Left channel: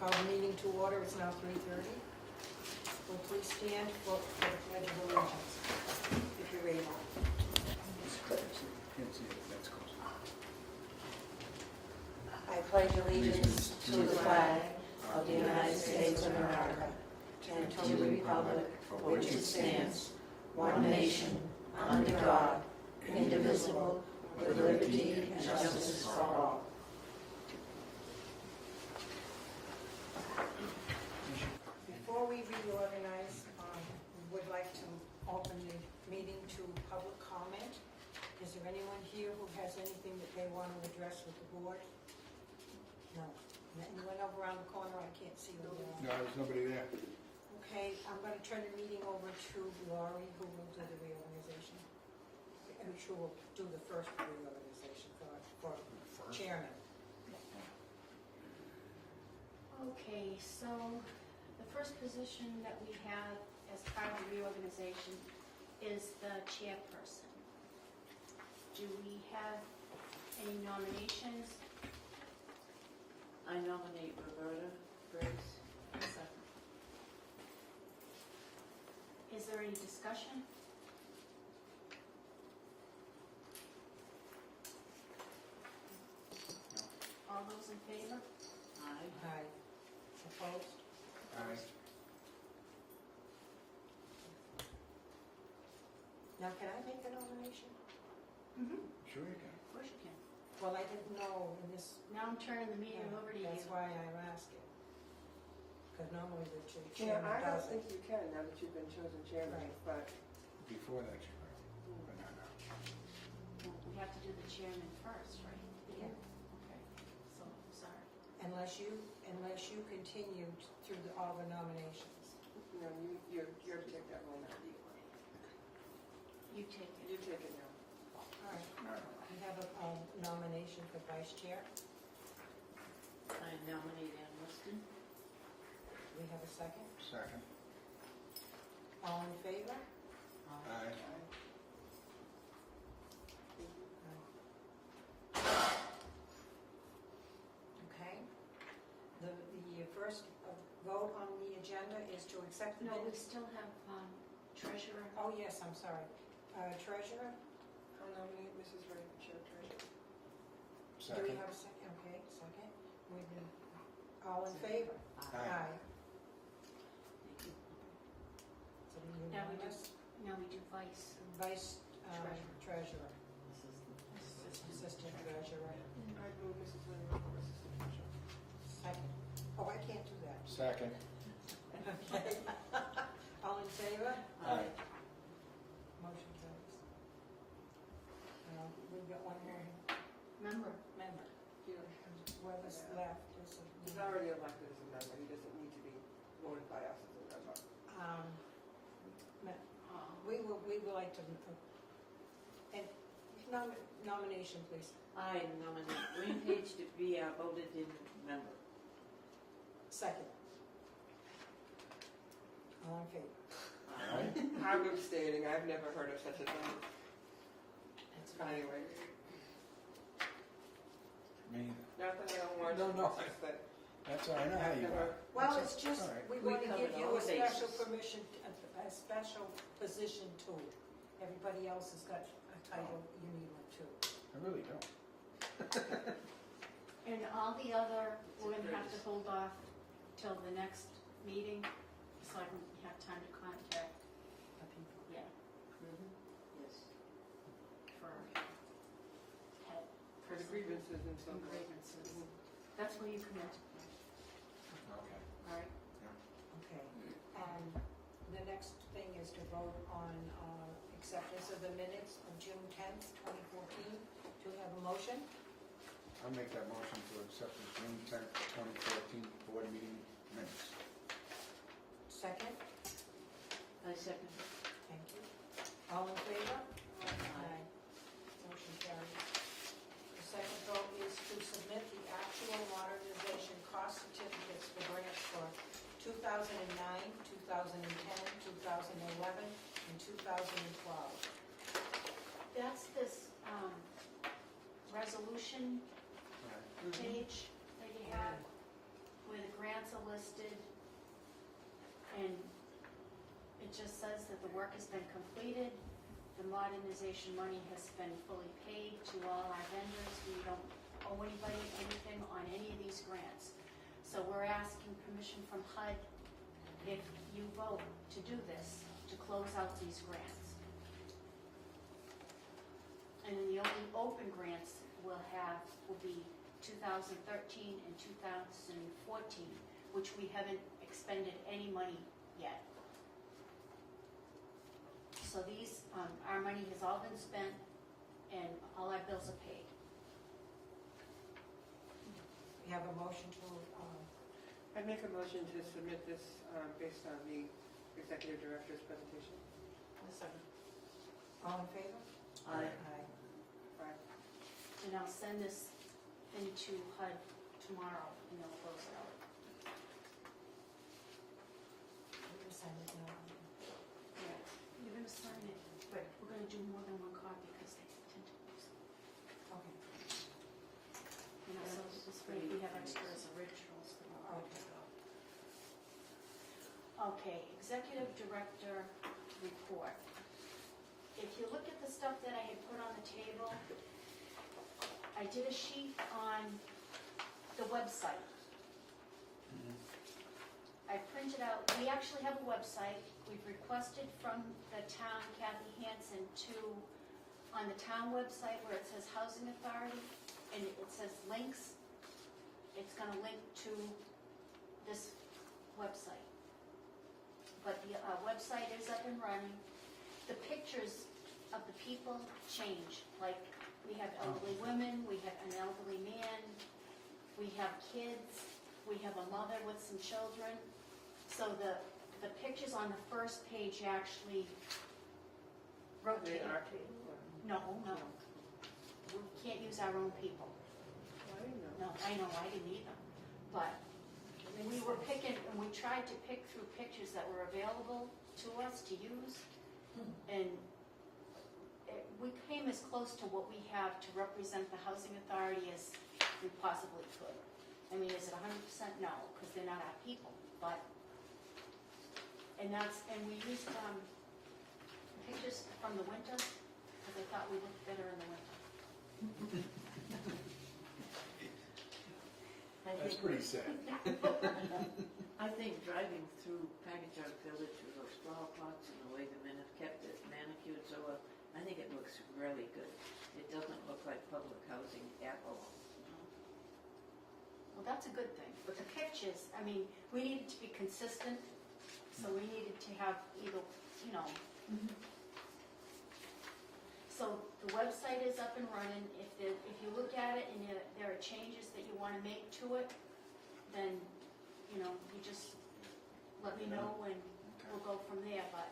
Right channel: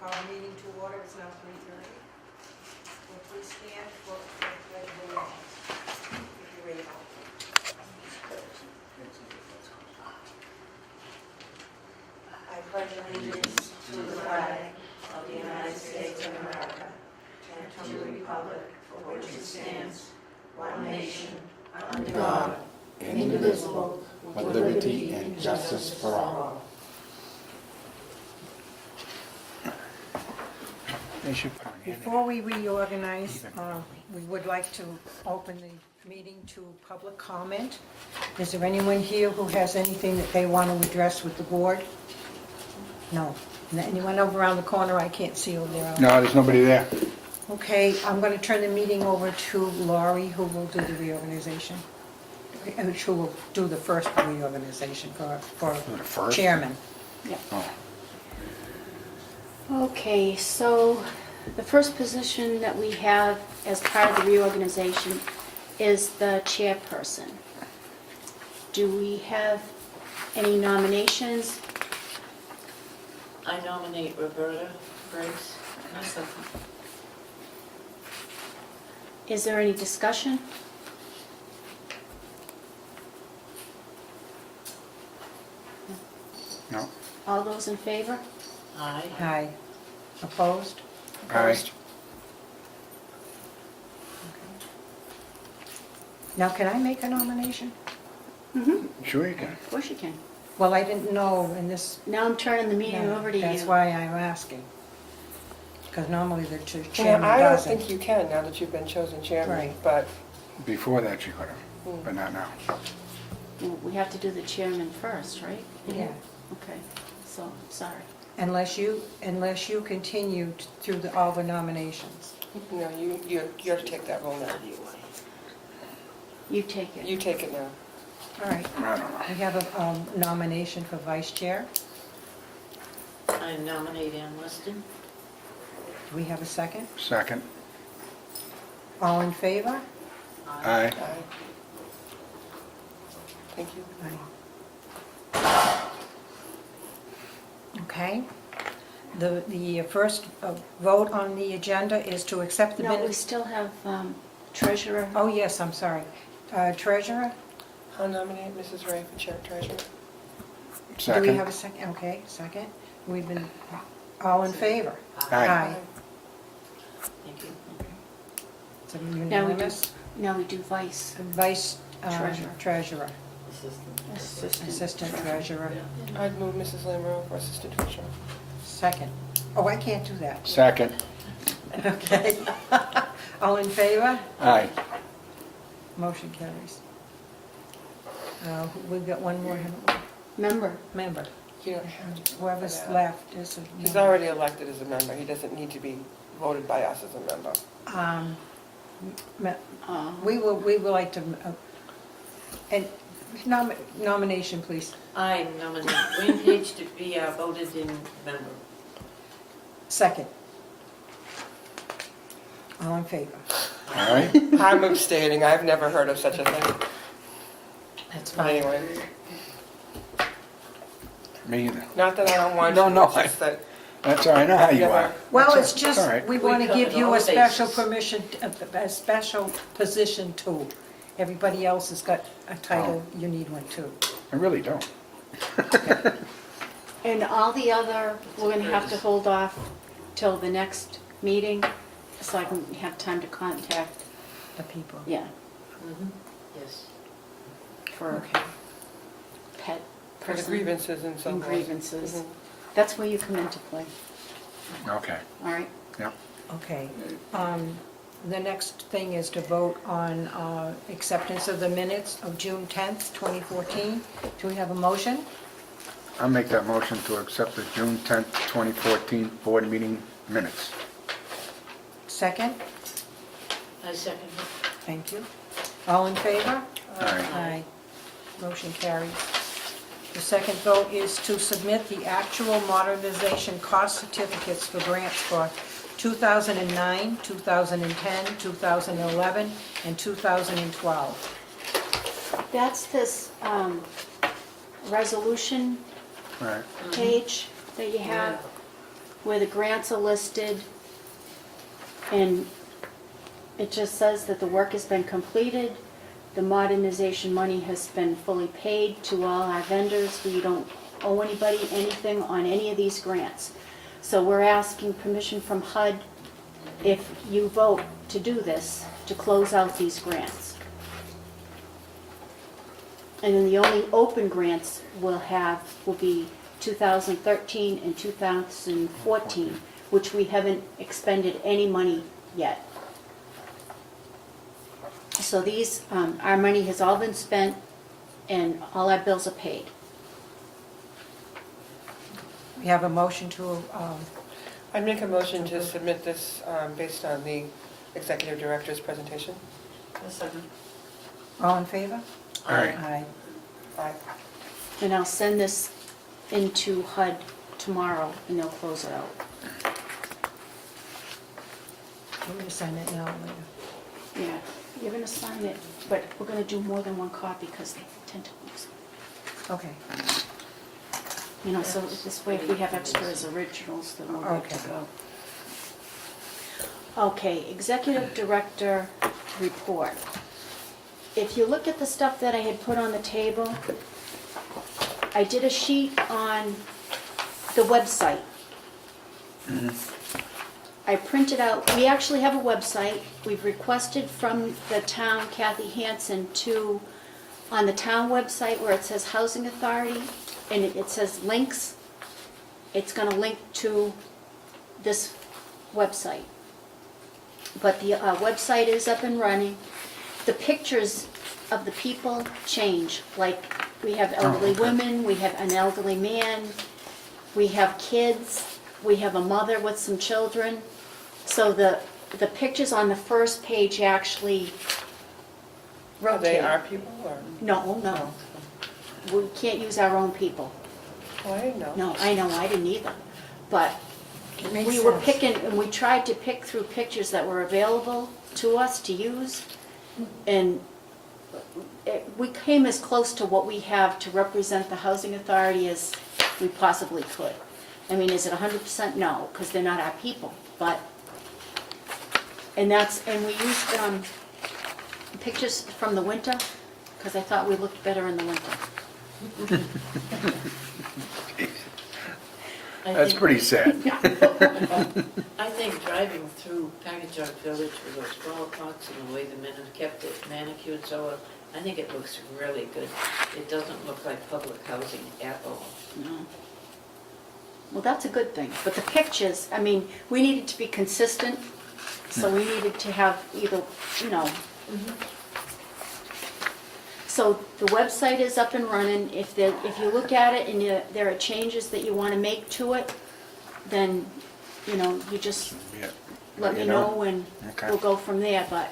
call the meeting to order. It's now 3:30. Will please stand for the pledge of allegiance, if you're ready. I pledge allegiance to the flag of the United States of America and to the republic for which it stands, one nation, under God, indivisible, with liberty and justice for all. Before we reorganize, we would like to open the meeting to public comment. Is there anyone here who has anything that they want to address with the board? No. Anyone over around the corner? I can't see over there. No, there's nobody there. Okay, I'm going to turn the meeting over to Laurie, who will do the reorganization. Who will do the first reorganization for The first? chairman. Oh, Okay, so the first position that we have as part of the reorganization is the chairperson. Do we have any nominations? I nominate Roberta Grace. Is there any discussion? no. All those in favor? Aye. Aye. Opposed? Aye. Now, can I make a nomination? Mm-hmm, Sure you can. of course you can. Well, I didn't know in this. Now I'm turning the meeting over to you. That's why I'm asking. Because normally the Yeah, chairman I don't doesn't. think you can now that you've been chosen chairman, Right. but Before that you could have, but not now. Well, we have to do the chairman first, right? Yeah, Okay, so, sorry. unless you continue through all the nominations. no, you have to take that role now. You take it. You take it now. All right, I don't know. we have a nomination for vice chair. I nominate Ann Weston. Do we have a second? Second. All in favor? Aye. Aye. Thank you. Aye. Okay. The first vote on the agenda is to accept the No, we minutes. still have treasurer. Oh, yes, I'm sorry. Treasurer? I'll nominate Mrs. Ray for chair treasurer. Do we have Second. a second? Okay, second. We've been, all in favor? Aye. Thank you. Is it Now we do, unanimous? now we do vice. Vice Treasurer. treasurer, Assistant. assistant treasurer, I'd move Mrs. Lamoureux for assistant treasurer. second. Oh, I can't do that. Second. Okay. All in favor? Aye. Motion carries. We've got one more Member. member. You don't have to. Whoever's Yeah. left is a He's member. already elected as a member. He doesn't need to be voted by us as a member. Me- Um, We would like to, and nomination, please. I nominate Wayne Page to be our voted-in member. Second. All in favor? Aye. I'm abstaining. I've never heard of such a thing. That's But anyway, Me either. not that I don't want No, to, no, it's just that That's all right. I know how you Never. are. Well, That's it's all- just, all right. we We want to give covered you all a the special bases. permission, a special position too. Everybody else has got a title, you need one too. I really don't. And all the other, we're gonna have to hold off till the next meeting, so I can have time to contact, The people. yeah, Yes. for Okay. pet for the person grievances and so and forth. grievances. Mhm. That's where you come into play, Okay. all right? Yep. Okay. The next thing is to vote on acceptance of the minutes of June 10th, 2014. Do we have a motion? I'll make that motion to accept the June 10th, 2014 board meeting minutes. Second? I second it. Thank you. All in favor? Aye. Aye. Motion carries. The second vote is to submit the actual modernization cost certificates for grants for 2009, 2010, 2011, and 2012. That's this resolution Right. page that you have. where the grants are listed, and it just says that the work has been completed, the modernization money has been fully paid to all our vendors, we don't owe anybody anything on any of these grants. So we're asking permission from HUD, if you vote to do this, to close out these grants. And then the only open grants will be 2013 and 2014, which we haven't expended any money yet. So these, our money has all been spent and all our bills are paid. We have a motion to, I'd make a motion to submit this based on the executive director's presentation. all in favor? Aye. Aye. Aye. And I'll send this into HUD tomorrow and they'll close it out. I'm going to sign it now or later. Yeah, you're gonna sign it, but we're gonna do more than one copy because they tend to lose. Okay. You know, so this way if we have extras originals, then we're good to Okay. go. Okay, Executive Director report. If you look at the stuff that I had put on the table, I did a sheet on the website. I printed out, we actually have a website. We've requested from the town, Kathy Hansen, to, on the town website where it says Housing Authority, and it says links, it's gonna link to this website. But the website is up and running. The pictures of the people change, like we have elderly okay. women, we have an elderly man, we have kids, we have a mother with some children. So the pictures on the first page actually Are they rotate. our people or? No, we can't use our own people. Oh, I didn't know. No, I know, I didn't either. But It makes we were sense. picking, and we tried to pick through pictures that were available to us to use. And we came as close to what we have to represent the housing authority as we possibly could. I mean, is it 100%? No, because they're not our people, but, and we used pictures from the winter, because I thought we looked better in the winter. That's pretty sad. I think driving through Packagug Village with those flower pots and the way the men have kept it manicured so well, I think it looks really good. It doesn't look like public housing at all. No. Well, that's a good thing, but the pictures, I mean, we needed to be consistent, so we needed to have either, you know. So the website is up and running. If you look at it and there are changes that you want to make to it, then, you know, you just Yeah. let me You know? know and Okay. we'll go from there. But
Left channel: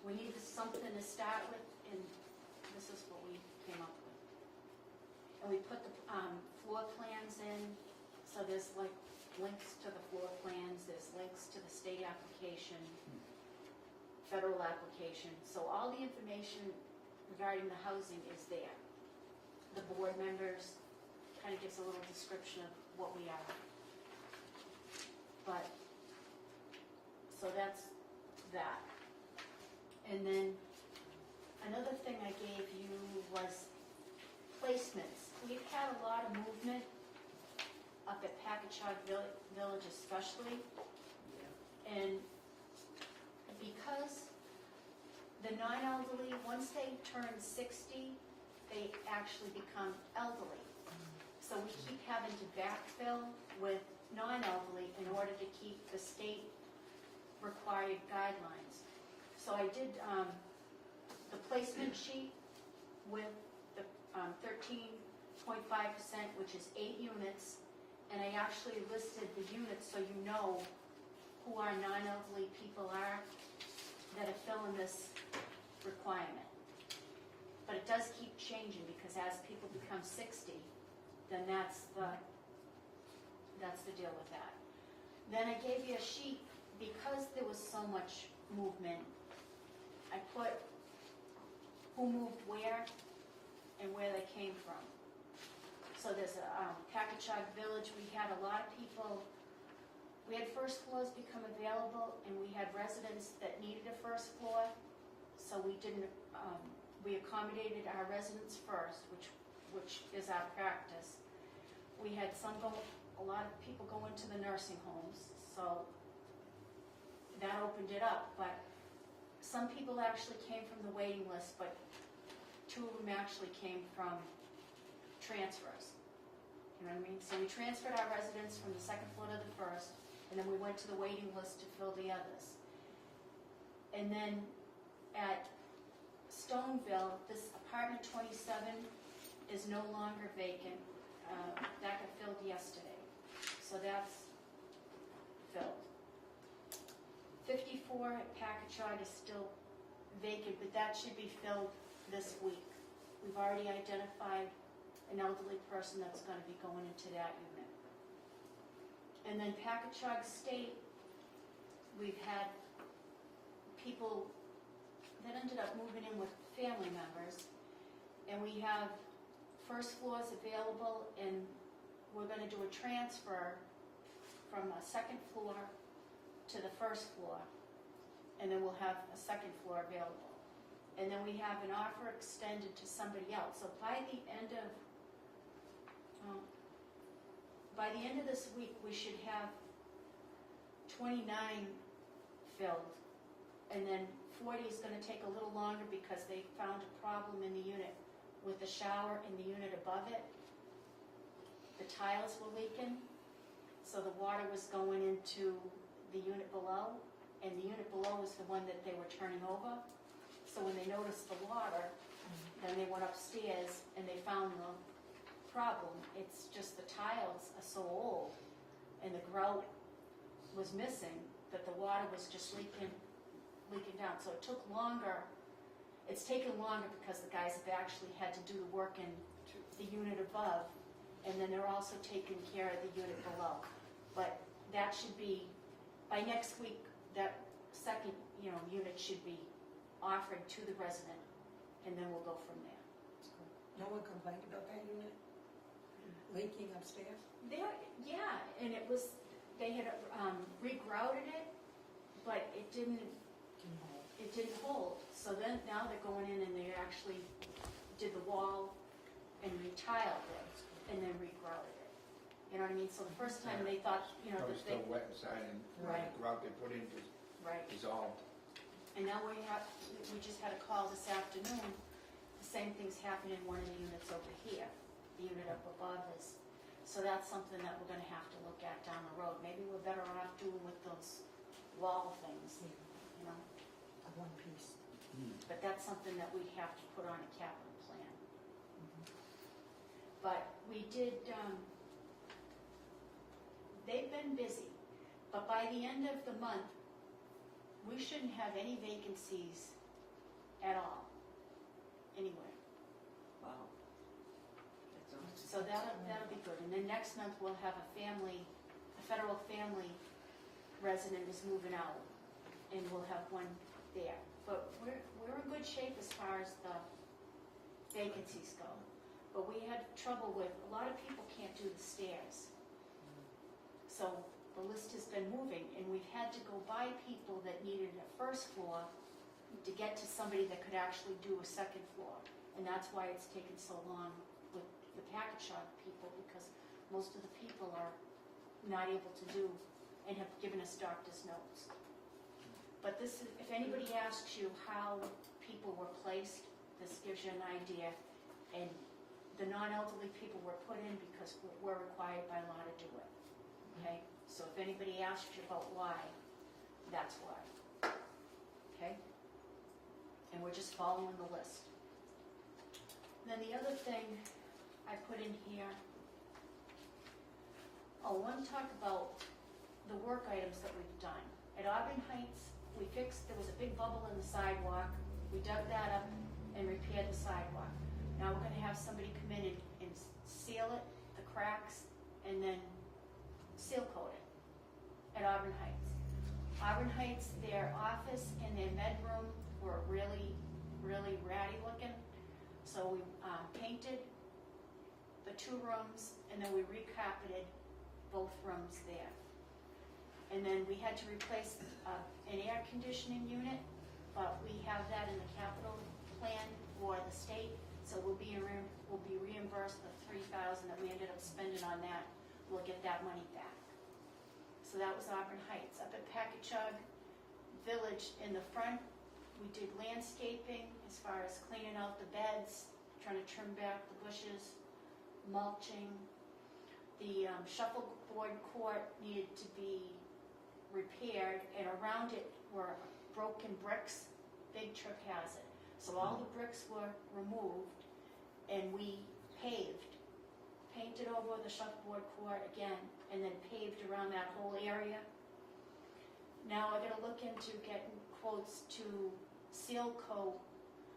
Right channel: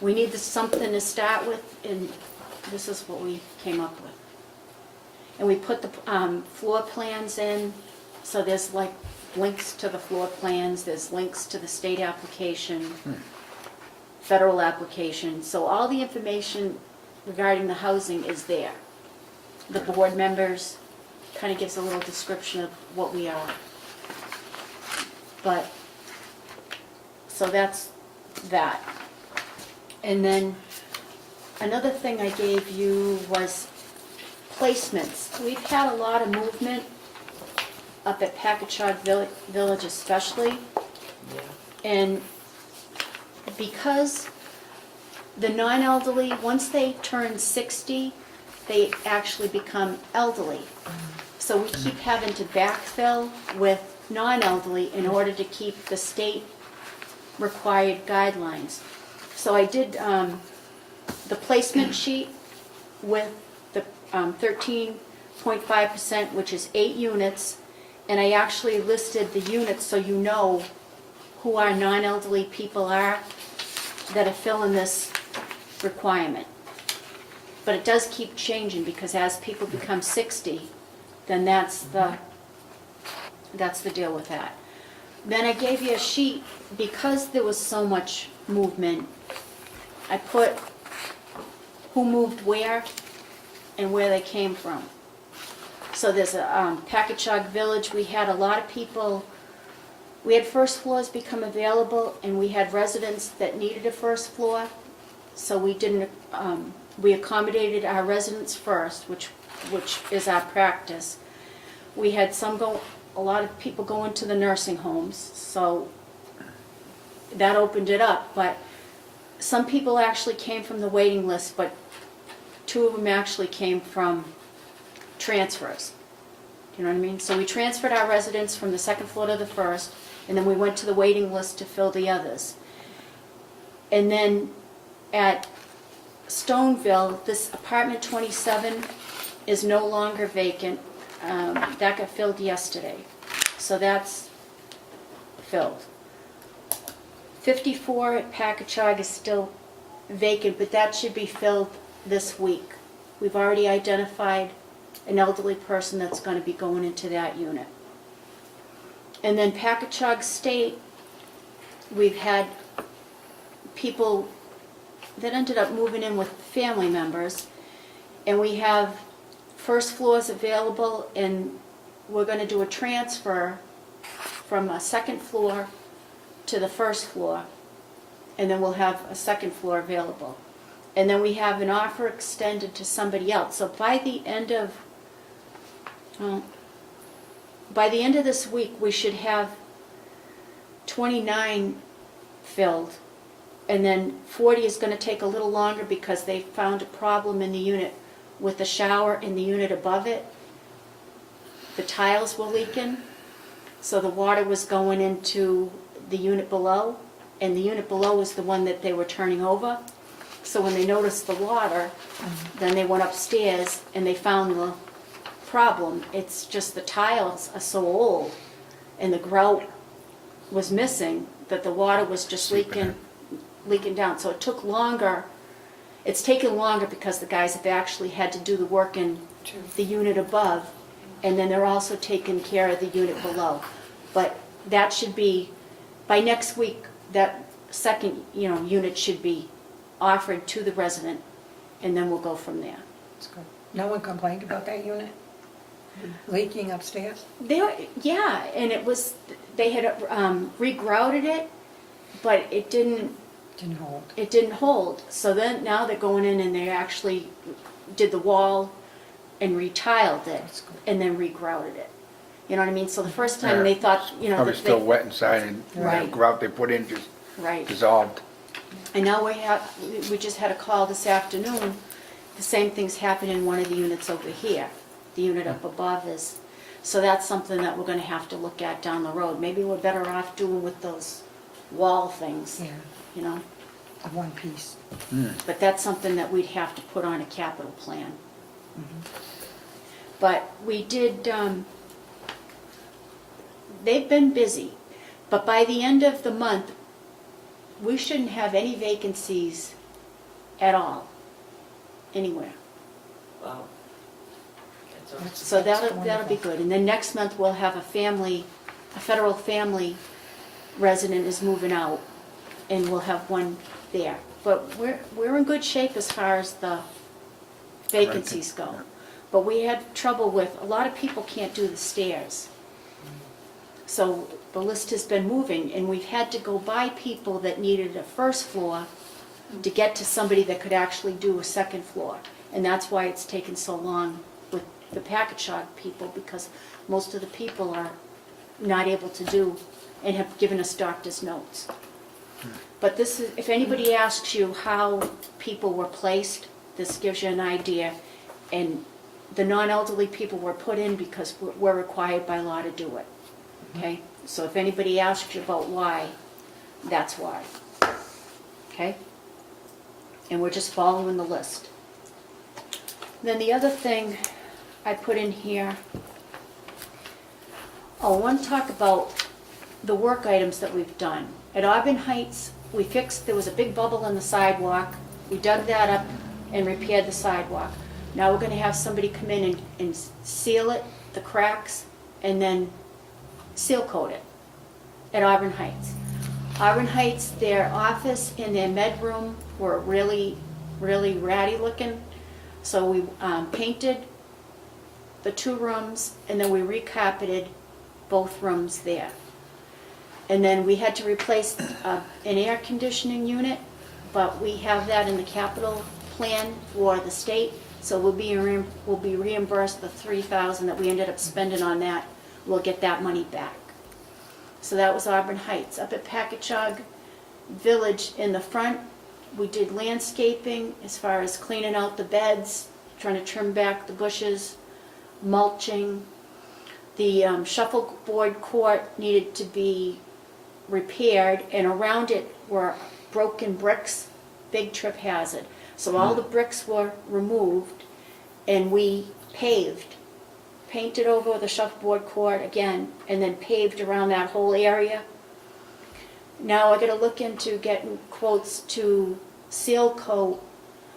we need something to start with, and this is what we came up with. And we put the floor plans in, so there's like links to the floor plans, there's links to the state application, federal application, so all the information regarding the housing is there. The board members, kind of gives a little description of what we are. But, so that's that. And then, another thing I gave you was placements. We've had a lot of movement up at Packagug Village especially, Yeah. and because the non-elderly, once they turn 60, they actually become elderly. So we keep having to backfill with non-elderly in order to keep the state required guidelines. So I did the placement sheet with the 13.5%, which is 8 units, and I actually listed the units so you know who our non-elderly people are that are filling this requirement. But it does keep changing, because as people become 60, then that's the deal with that. Then I gave you a sheet, because there was so much movement, I put who moved where and where they came from. So there's a Packagug Village, we had a lot of people We had first floors become available, and we had residents that needed a first floor, so we didn't, we accommodated our residents first, which is our practice. We had a lot of people go into the nursing homes, so that opened it up, but some people actually came from the waiting list, but 2 of them actually came from transfers. You know what I mean? So we transferred our residents from the second floor to the first, and then we went to the waiting list to fill the others. And then at Stoneville, this apartment 27 is no longer vacant. That got filled yesterday, so that's filled. 54 at Packagug is still vacant, but that should be filled this week. We've already identified an elderly person that's going to be going into that unit. And then Packagug State, we've had people that ended up moving in with family members, and we have first floors available, and we're going to do a transfer from a second floor to the first floor, and then we'll have a second floor available. And then we have an offer extended to somebody else. So by the end of this week, we should have 29 filled, and then 40 is going to take a little longer because they found a problem in the unit with the shower in the unit above it. The tiles were leaking, so the water was going into the unit below, and the unit below is the one that they were turning over. So when they noticed the water, then they went upstairs and they found the problem. It's just the tiles are so old and the grout was missing that the water was just leaking down. So it took longer. It's taken longer because the guys have actually had to do the work in the unit above, and then they're also taking care of the unit below. But that should be, by next week, that second unit should be offered to the resident, and then we'll go from there. That's good. No one complained about that unit leaking upstairs? Yeah, and it was, they had regrouted it, but it didn't hold. So then now they're going in and they actually did the wall and retiled it and then regrouted it. You know what I mean? So the first time Yeah. they thought, Probably still wet inside, and the Right. grout they put in just right. dissolved. And now we just had a call this afternoon. The same thing's happened in one of the units over here. The unit up above is, so that's something that we're gonna have to look at down the road. Maybe we're better off doing with those wall things, Yeah, you know? a one piece. But that's something that we'd have to put on a capital plan. But we did, they've been busy, but by the end of the month, we shouldn't have any vacancies at all, anywhere. Wow. That's awesome. So That's that'll be wonderful. good. And then next month, we'll have a federal family resident is moving out, and we'll have one there. But we're in good shape as far as the vacancies go. But we had trouble with, a lot of people can't do the stairs. So the list has been moving, and we've had to go by people that needed a first floor to get to somebody that could actually do a second floor. And that's why it's taken so long with the Packagug people, because most of the people are not able to do and have given us doctor's notes. But this is, if anybody asks you how people were placed, this gives you an idea. And the non-elderly people were put in because we're required by law to do it. Okay? So if anybody asks you about why, that's why. Okay? And we're just following the list. Then the other thing I put in here, I want to talk about the work items that we've done. At Auburn Heights, there was a big bubble in the sidewalk. We dug that up and repaired the sidewalk. Now we're going to have somebody come in and seal it, the cracks, and then seal coat it at Auburn Heights. Auburn Heights, their office and their med room were really, really ratty looking. So we painted the 2 rooms, and then we recarpeted both rooms there. And then we had to replace an air conditioning unit, but we have that in the capital plan for the state, so we'll be reimbursed the $3,000 that we ended up spending on that. We'll get that money back. So that was Auburn Heights. Up at Packagug Village in the front, we did landscaping as far as cleaning out the beds, trying to trim back the bushes, mulching. The shuffleboard court needed to be repaired, and around it were broken bricks, big trip hazard. So all the bricks were removed, and we painted over the shuffleboard court again, and then paved around that whole area. Now I gotta look into getting quotes to seal coat.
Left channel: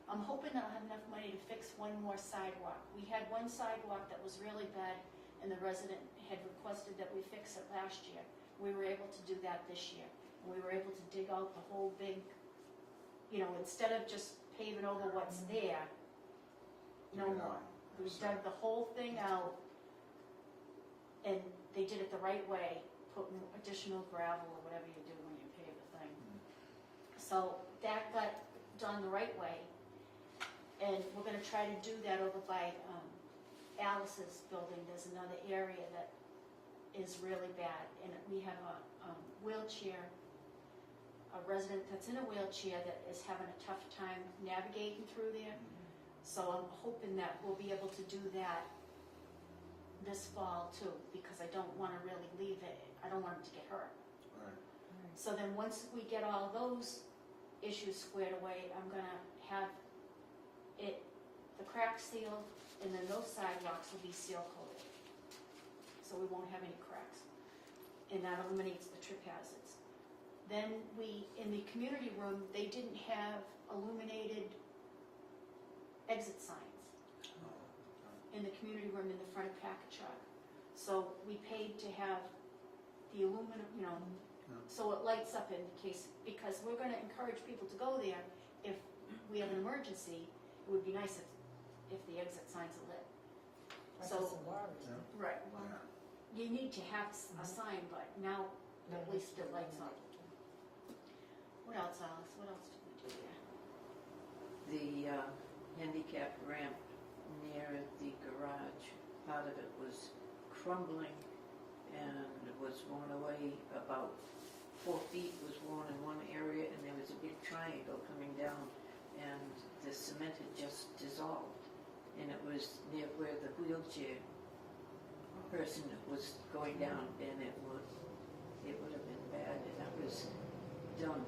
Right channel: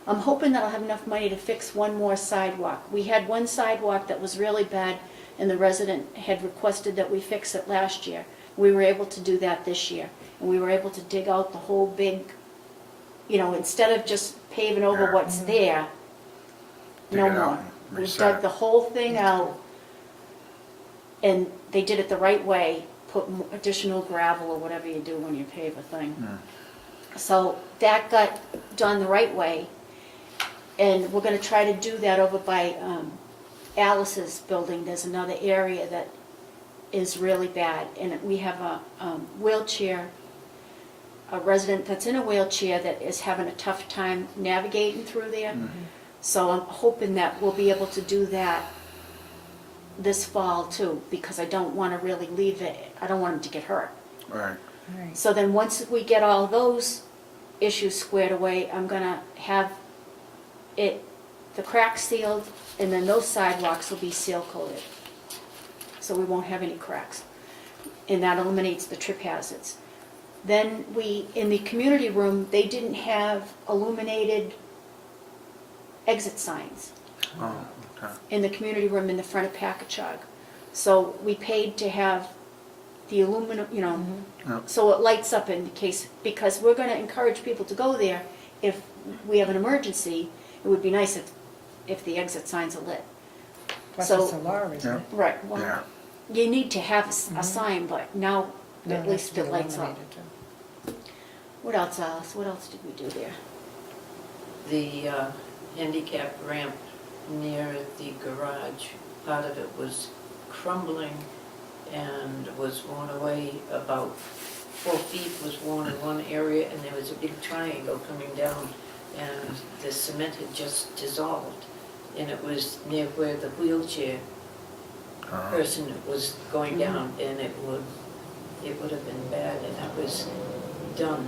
I'm hoping that I'll have enough money to fix one more sidewalk. We had one sidewalk that was really bad, and the resident had requested that we fix it last year. We were able to do that this year, and we were able to dig out the whole big, instead of just paving over what's there, Dig no it out more. and We reset dug it. the whole thing out, and they did it the right way, put additional gravel or whatever you do when you pave a thing. So that got done the right way, and we're gonna try to do that over by Alice's building. There's another area that is really bad, and we have a wheelchair, a resident that's in a wheelchair that is having a tough time navigating through there. So I'm hoping that we'll be able to do that this fall too, because I don't want to really leave it, I don't want him to get hurt. Right. Right. So then once we get all those issues squared away, I'm gonna have the cracks sealed, and then those sidewalks will be seal coated. So we won't have any cracks. And that eliminates the trip hazards. Then in the community room, they didn't have illuminated exit signs Oh, okay. in the community room in the front of Packagug. So we paid to have the aluminum, Yep. so it lights up in case, because we're gonna encourage people to go there. If we have an emergency, it would be nice if the exit signs are lit. Plus So- it's a law, isn't Yeah. it? Right, well, Yeah. you need to have a sign, but now No, at it has least to be it lights up. illuminated, too. What else, Alice? What else did we do there? The handicap ramp near the garage, part of it was crumbling and was worn away. About 4 feet was worn in one area, and there was a big triangle coming down, and the cement had just dissolved. And it was near where the wheelchair person was going down, and it would have been bad, and that was done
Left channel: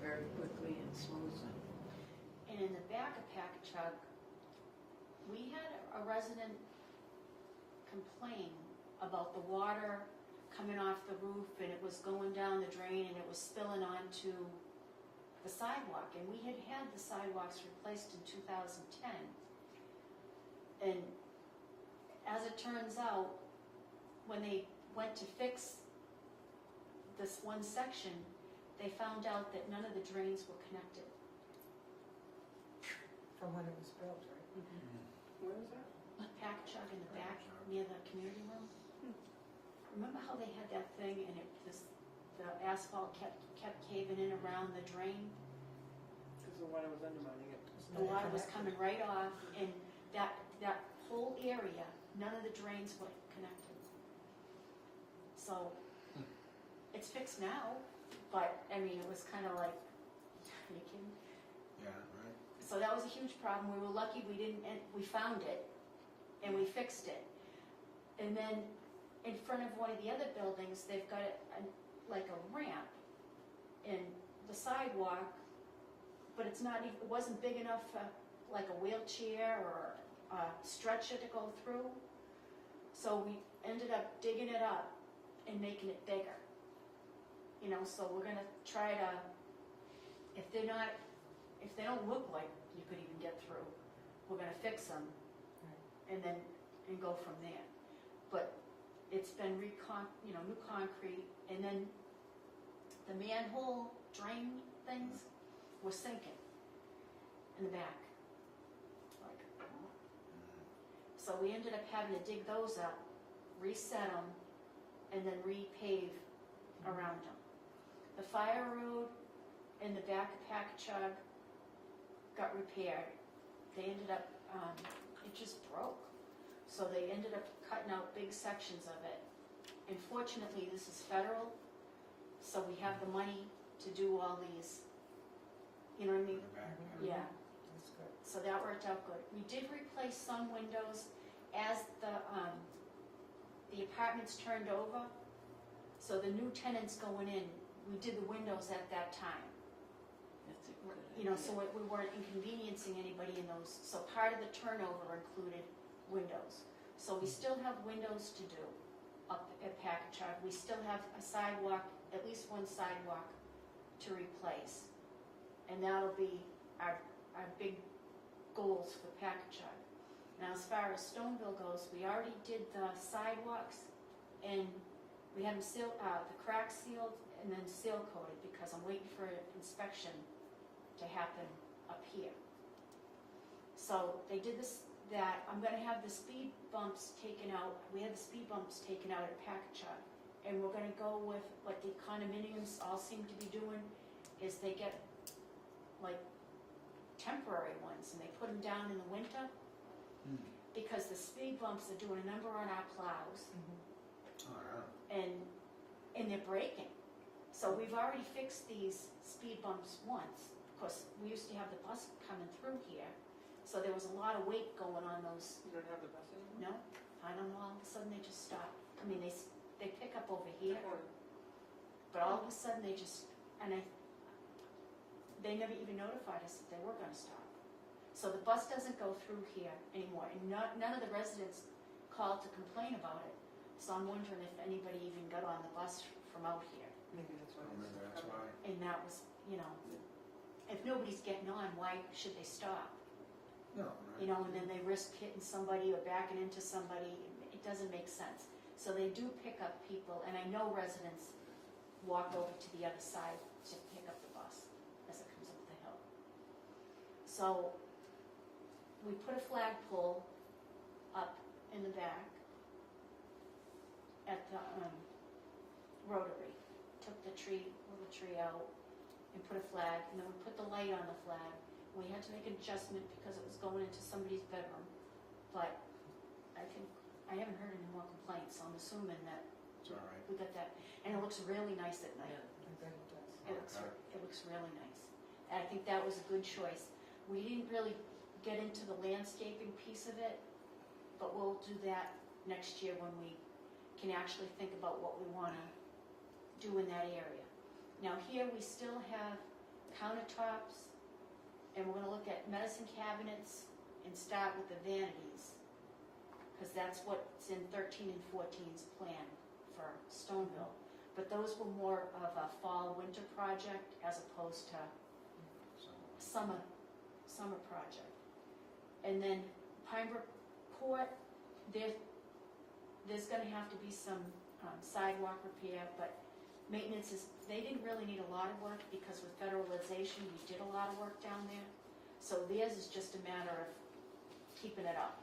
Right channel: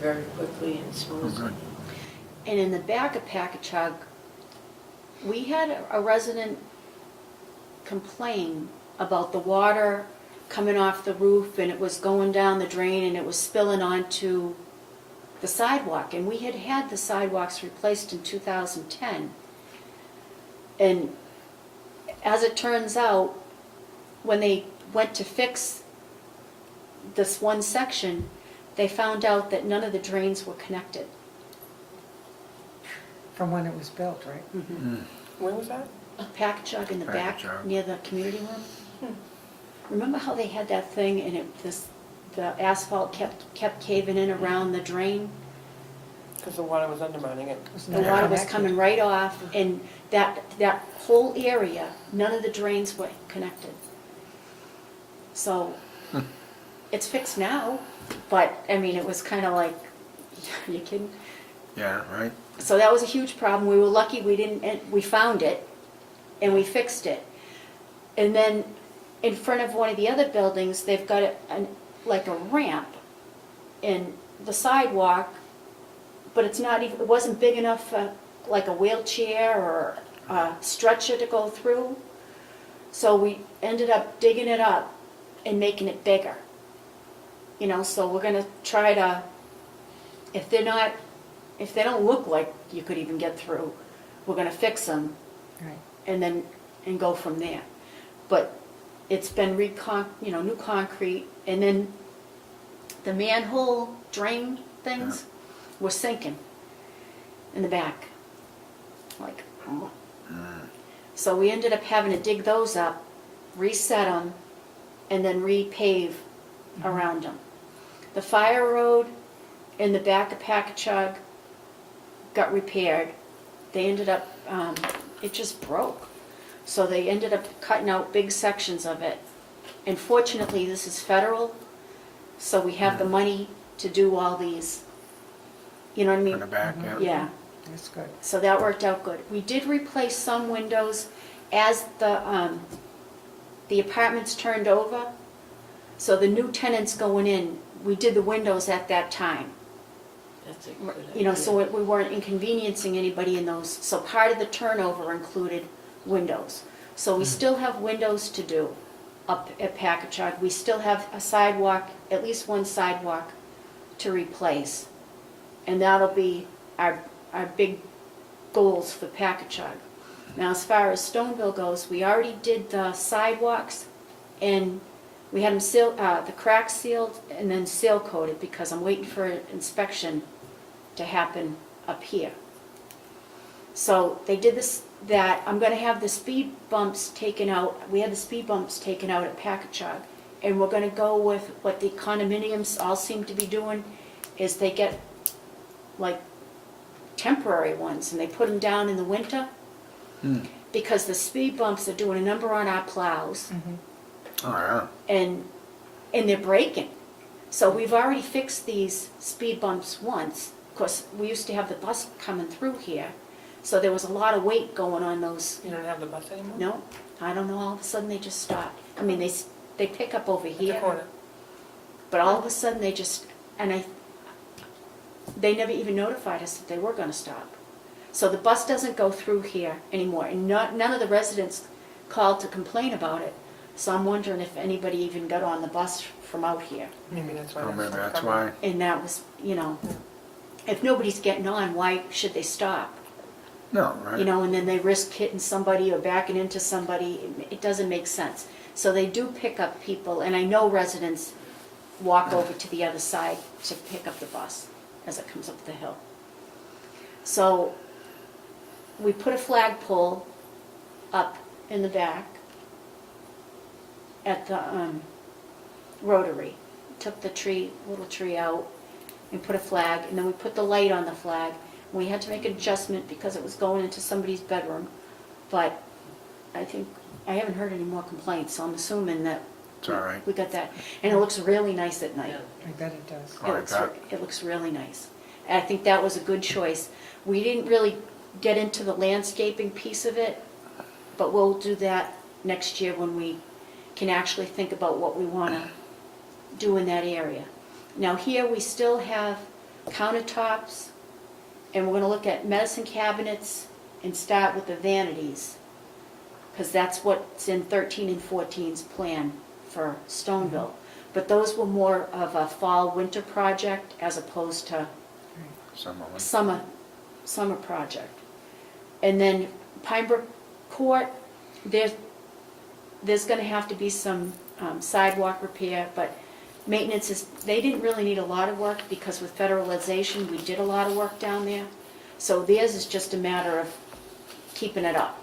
very quickly and Oh, smoothly. good. And in the back of Packagug, we had a resident complain about the water coming off the roof, and it was going down the drain, and it was spilling onto the sidewalk. And we had the sidewalks replaced in 2010. And as it turns out, when they went to fix this one section, they found out that none of the drains were connected. From when it was built, right? Where was that? Packagug in the back, Packagug. near the community room. Remember how they had that thing and the asphalt kept caving in around the drain? Because the water was undermining it. Was The not water was connected. coming right off, and that whole area, none of the drains were connected. So, it's fixed now, but, I mean, it was kind of like, are you kidding? Yeah, right? So that was a huge problem. We were lucky we found it, and we fixed it. And then, in front of one of the other buildings, they've got like a ramp in the sidewalk, but it wasn't big enough for like a wheelchair or a stretcher to go through. So we ended up digging it up and making it bigger. So we're gonna try to, if they don't look like you could even get through, we're gonna fix them Right. and go from there. But it's been new concrete, and then the manhole drain things were sinking in the back. Like, oh. So we ended up having to dig those up, reset them, and then repave around them. The fire road in the back of Packagug got repaired. They ended up, it just broke. So they ended up cutting out big sections of it. And fortunately, this is federal, so we have the money to do all these, you know what I mean? In the back, yeah. Yeah, That's good. so that worked out good. We did replace some windows as the apartments turned over. So the new tenants going in, we did the windows at that time. That's a good idea. You know, so we weren't inconveniencing anybody in those. So part of the turnover included windows. So we still have windows to do up at Packagug. We still have a sidewalk, at least one sidewalk to replace. And that'll be our big goals for Packagug. Now, as far as Stoneville goes, we already did the sidewalks, and we had them the cracks sealed and then seal coated, because I'm waiting for inspection to happen up here. So they did that. I'm gonna have the speed bumps taken out. We had the speed bumps taken out at Packagug, and we're gonna go with what the condominiums all seem to be doing, is they get like temporary ones, and they put them down in the winter, because the speed bumps are doing a number on our plows, Oh, yeah. and they're breaking. So we've already fixed these speed bumps once. Of course, we used to have the bus coming through here, so there was a lot of weight going on those. You don't have the bus anymore? No, I don't know, all of a sudden they just stopped. I mean, they pick up over At the here, corner. but all of a sudden they just, they never even notified us that they were gonna stop. So the bus doesn't go through here anymore, and none of the residents called to complain about it. So I'm wondering if anybody even got on the bus from out here. Maybe that's why. Oh, it's maybe not that's covered. why. And that was, if nobody's getting on, why should they stop? No, right? You know, and then they risk hitting somebody or backing into somebody. It doesn't make sense. So they do pick up people, and I know residents walk over to the other side to pick up the bus as it comes up the hill. So we put a flagpole up in the back at the Rotary. Took the little tree out and put a flag, and then we put the light on the flag. We had to make an adjustment because it was going into somebody's bedroom, but I haven't heard any more complaints, so I'm assuming that It's all right. we got that. And it looks really nice at night. Yeah. I bet it does. Oh, I bet. It looks really nice. And I think that was a good choice. We didn't really get into the landscaping piece of it, but we'll do that next year when we can actually think about what we want to do in that area. Now here we still have countertops, and we're going to look at medicine cabinets and start with the vanities, because that's what's in 13 and 14's plan for Stoneville. But those were more of a fall-winter project as opposed to Some of them. summer project. And then Pinebrook Court, there's gonna have to be some sidewalk repair, but maintenance they didn't really need a lot of work, because with federalization, we did a lot of work down there. So theirs is just a matter of keeping it up.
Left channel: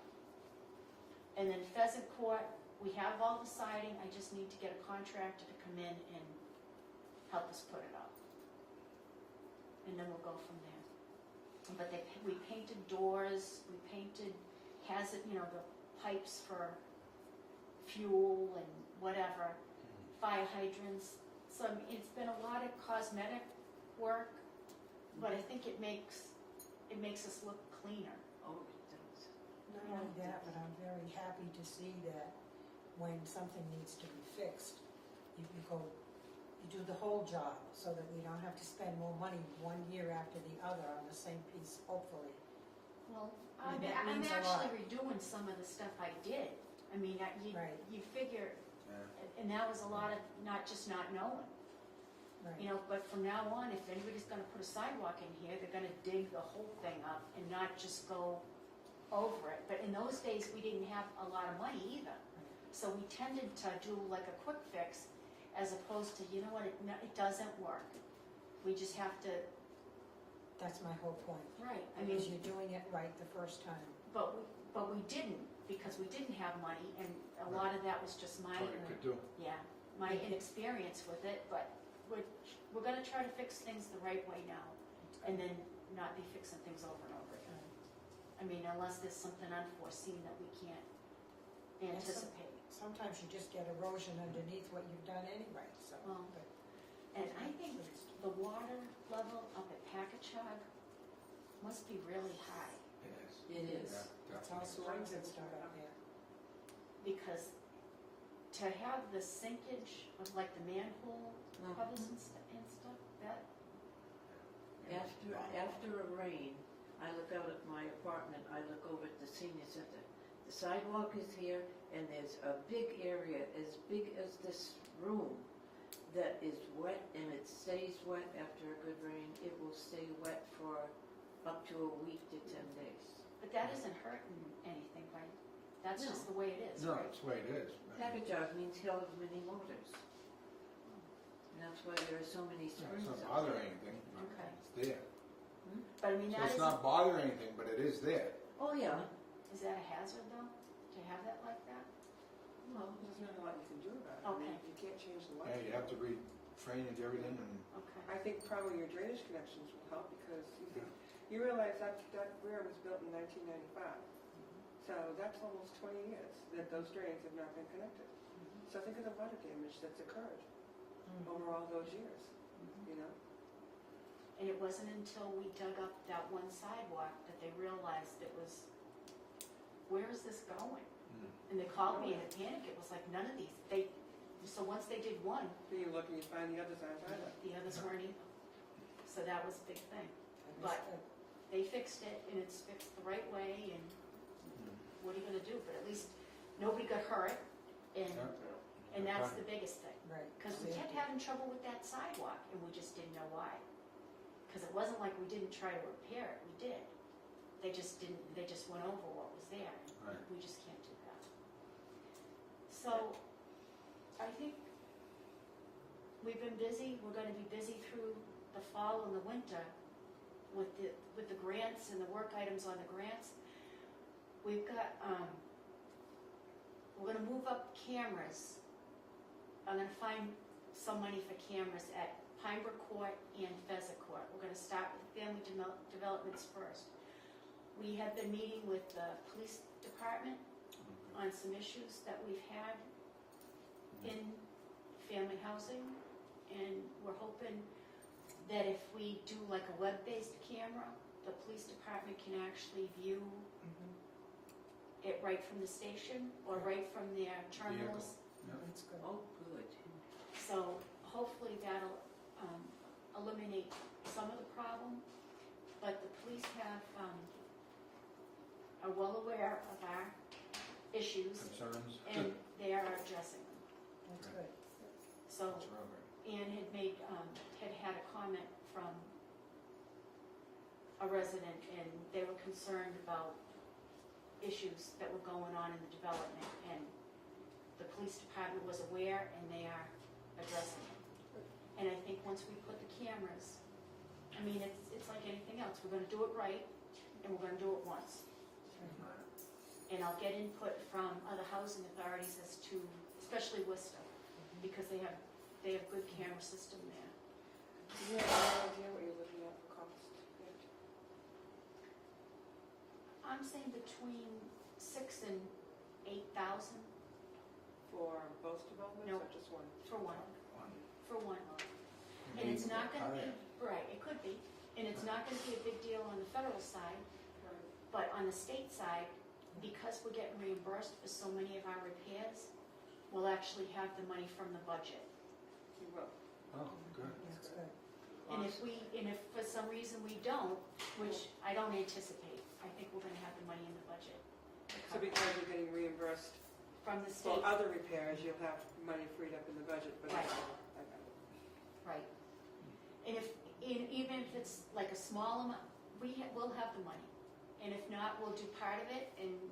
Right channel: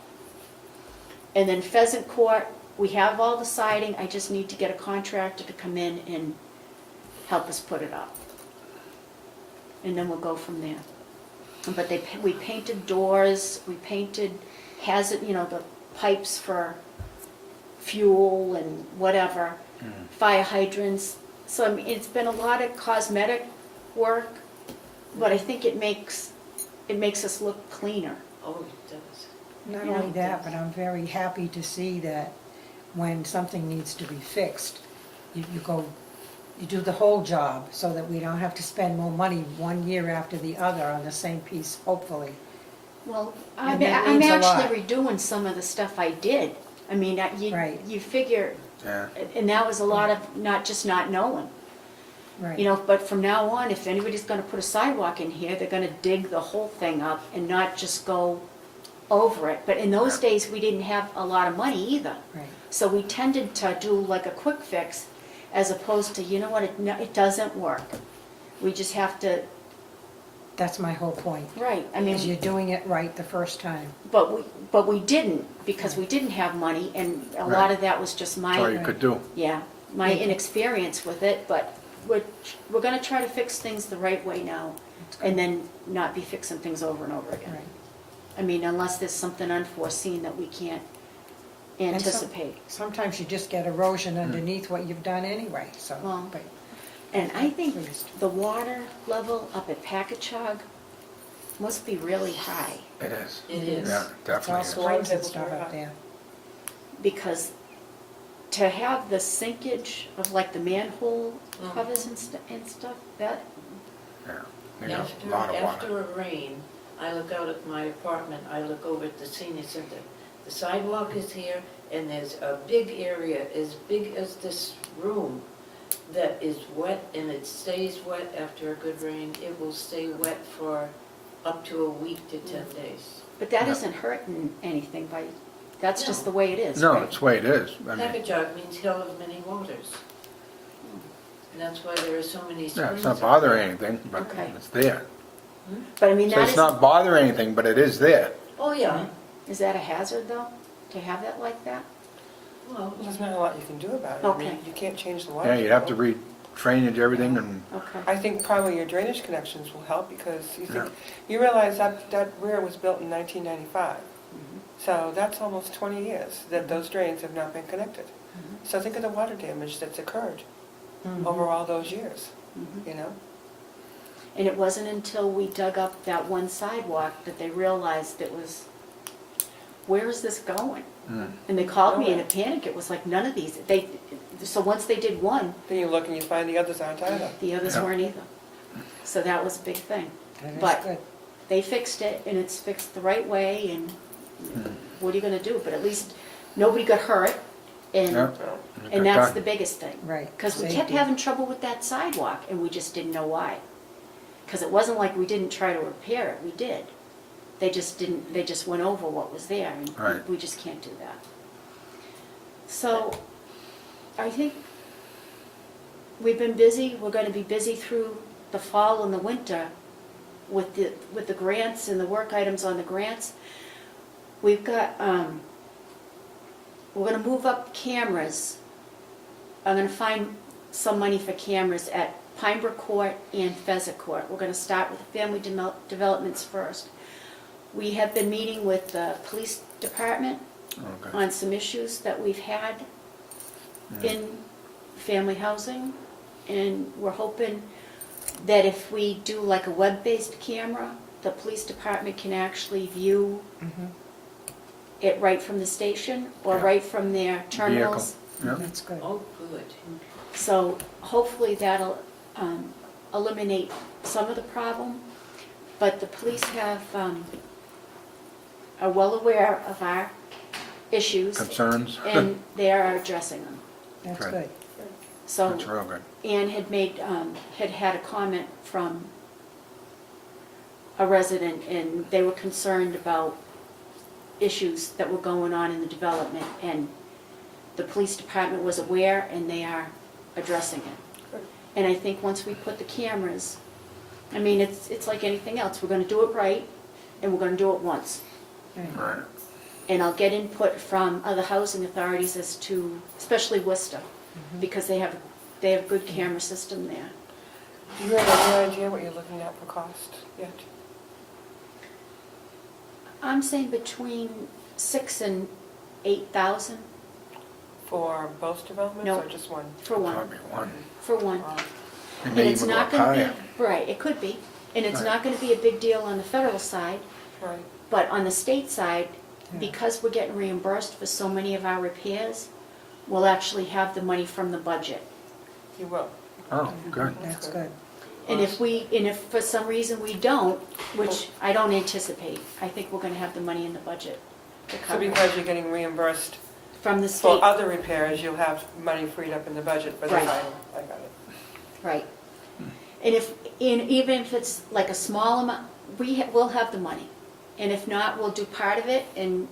And then Pheasant Court, we have all the siding, I just need to get a contractor to come in and help us put it up. And then we'll go from there. But we painted doors, we painted the pipes for fuel and whatever, fire hydrants. So I mean, it's been a lot of cosmetic work, but I think it makes us look cleaner. Oh, it does. Not Yeah. only that, but I'm very happy to see that when something needs to be fixed, you do the whole job, so that we don't have to spend more money one year after the other on the same piece, hopefully. Well, And I'm that means a lot. actually redoing some of the stuff I did. I mean, Right. you figure, Yeah. and that was a lot of not knowing. Right. You know, but from now on, if anybody's gonna put a sidewalk in here, they're gonna dig the whole thing up and not just go over it. But in those Yeah. days, we didn't have a lot of money either. Right. So we tended to do like a quick fix, as opposed to, you know what, it doesn't work. We just have to, That's my whole point. right, I Is you're mean, doing it right the first time. but we didn't, because we didn't have money, and a lot Right. of that was just That's all my, you could do. yeah, my inexperience with it, but we're gonna try to fix things the right way now, and then not be fixing things over and over again. Right. I mean, unless there's something unforeseen that we can't And some- anticipate. Sometimes you just get erosion underneath what you've done anyway, so, Well, but, And I think Pleased. the water level up at Packagug must be really high, It is. It is. Yeah, it's all definitely is. springs and stuff up there. because to have the sinkage of like the manhole Mhm. covers and stuff, that, Yeah. You got a After, lot of water. after a rain, I look out at my apartment, I look over at the senior center. The sidewalk is here, and there's a big area, as big as this room, that is wet, and it stays wet after a good rain. It will stay wet for up to a week to 10 days. but that Yeah. isn't hurting anything by, that's just No. the way it is, No, right? it's the way it is. I mean, Packagug means hill of many waters. And that's why there are so many springs. yeah, it's not up bothering there. anything, but Okay. it's there. But I mean, So that it's is, not bothering anything, but it is there. Oh, yeah, is that a hazard though, to have that like that? well, There's not a lot you can do about it. I mean, Okay. you can't change the water. Yeah, you'd have to table. re-drainage everything and, Okay, I think probably your drainage connections will help because you Yeah. think, you realize that rear was built in 1995. Mhm. So that's almost 20 years that those drains have not been connected. Mhm. So think of the water damage that's occurred Mhm. over all those years, Mhm. you know? And it wasn't until we dug up that one sidewalk that they realized it was, where is this going? mm, And they called me in a panic, it was like none of these, so once they did one, Then you look and you find the others aren't either. the others Yeah. weren't either. So that was a big thing. That is But- good. They fixed it and it's fixed the right way and what are you gonna do? But at least nobody got hurt and, yeah. So, and Got that's done. the biggest thing. Right. Because we kept Safety. having trouble with that sidewalk and we just didn't know why. Because it wasn't like we didn't try to repair it, we did. They just didn't, they just went over what was there and Right. we just can't do that. So, I think we've been busy, we're gonna be busy through the fall and the winter with the grants and the work items on the grants. We've got, we're gonna move up cameras. I'm gonna find some money for cameras at Pinebrook Court and Pheasant Court. We're gonna start with the family developments first. We have been meeting with the police department Okay. on some issues that we've had in family housing. And we're hoping that if we do like a web-based camera, the police department can actually view Mhm. it right from the station or Yeah. right from their terminals. Yeah. That's good. oh, good. So hopefully that'll eliminate some of the problem. But the police have, are well aware of our issues Concerns? and they are addressing them. That's Good. good. So That's real good. Ann had made, had a comment from a resident, and they were concerned about issues that were going on in the development, and the police department was aware, and they are addressing it. Good. And I think once we put the cameras, I mean, it's like anything else, we're gonna do it right, and we're gonna do it once. Right. Right. And I'll get input from other housing authorities as to, especially Worcester, because they have a good camera system there. do you have any idea what you're looking at for cost yet? I'm saying between 6,000 and 8,000 For both developments No. or just one? for one, Probably one. for one. Wow. It And may it's even go not up gonna higher. be, right, it could be, and it's Right. not gonna be a big deal on the federal side, Right. but on the state side, Yeah. because we're getting reimbursed for so many of our repairs, we'll actually have the money from the budget. You will. Oh, good. That's good. And if for some reason we don't, which I don't anticipate, I think we're gonna have the money in the budget to So cover it. because you're getting reimbursed From the for state, other repairs, you'll have money freed up in the budget for this Right. item. I got it. right. And even if it's like a small amount, we'll have the money. And if not, we'll do part of it and,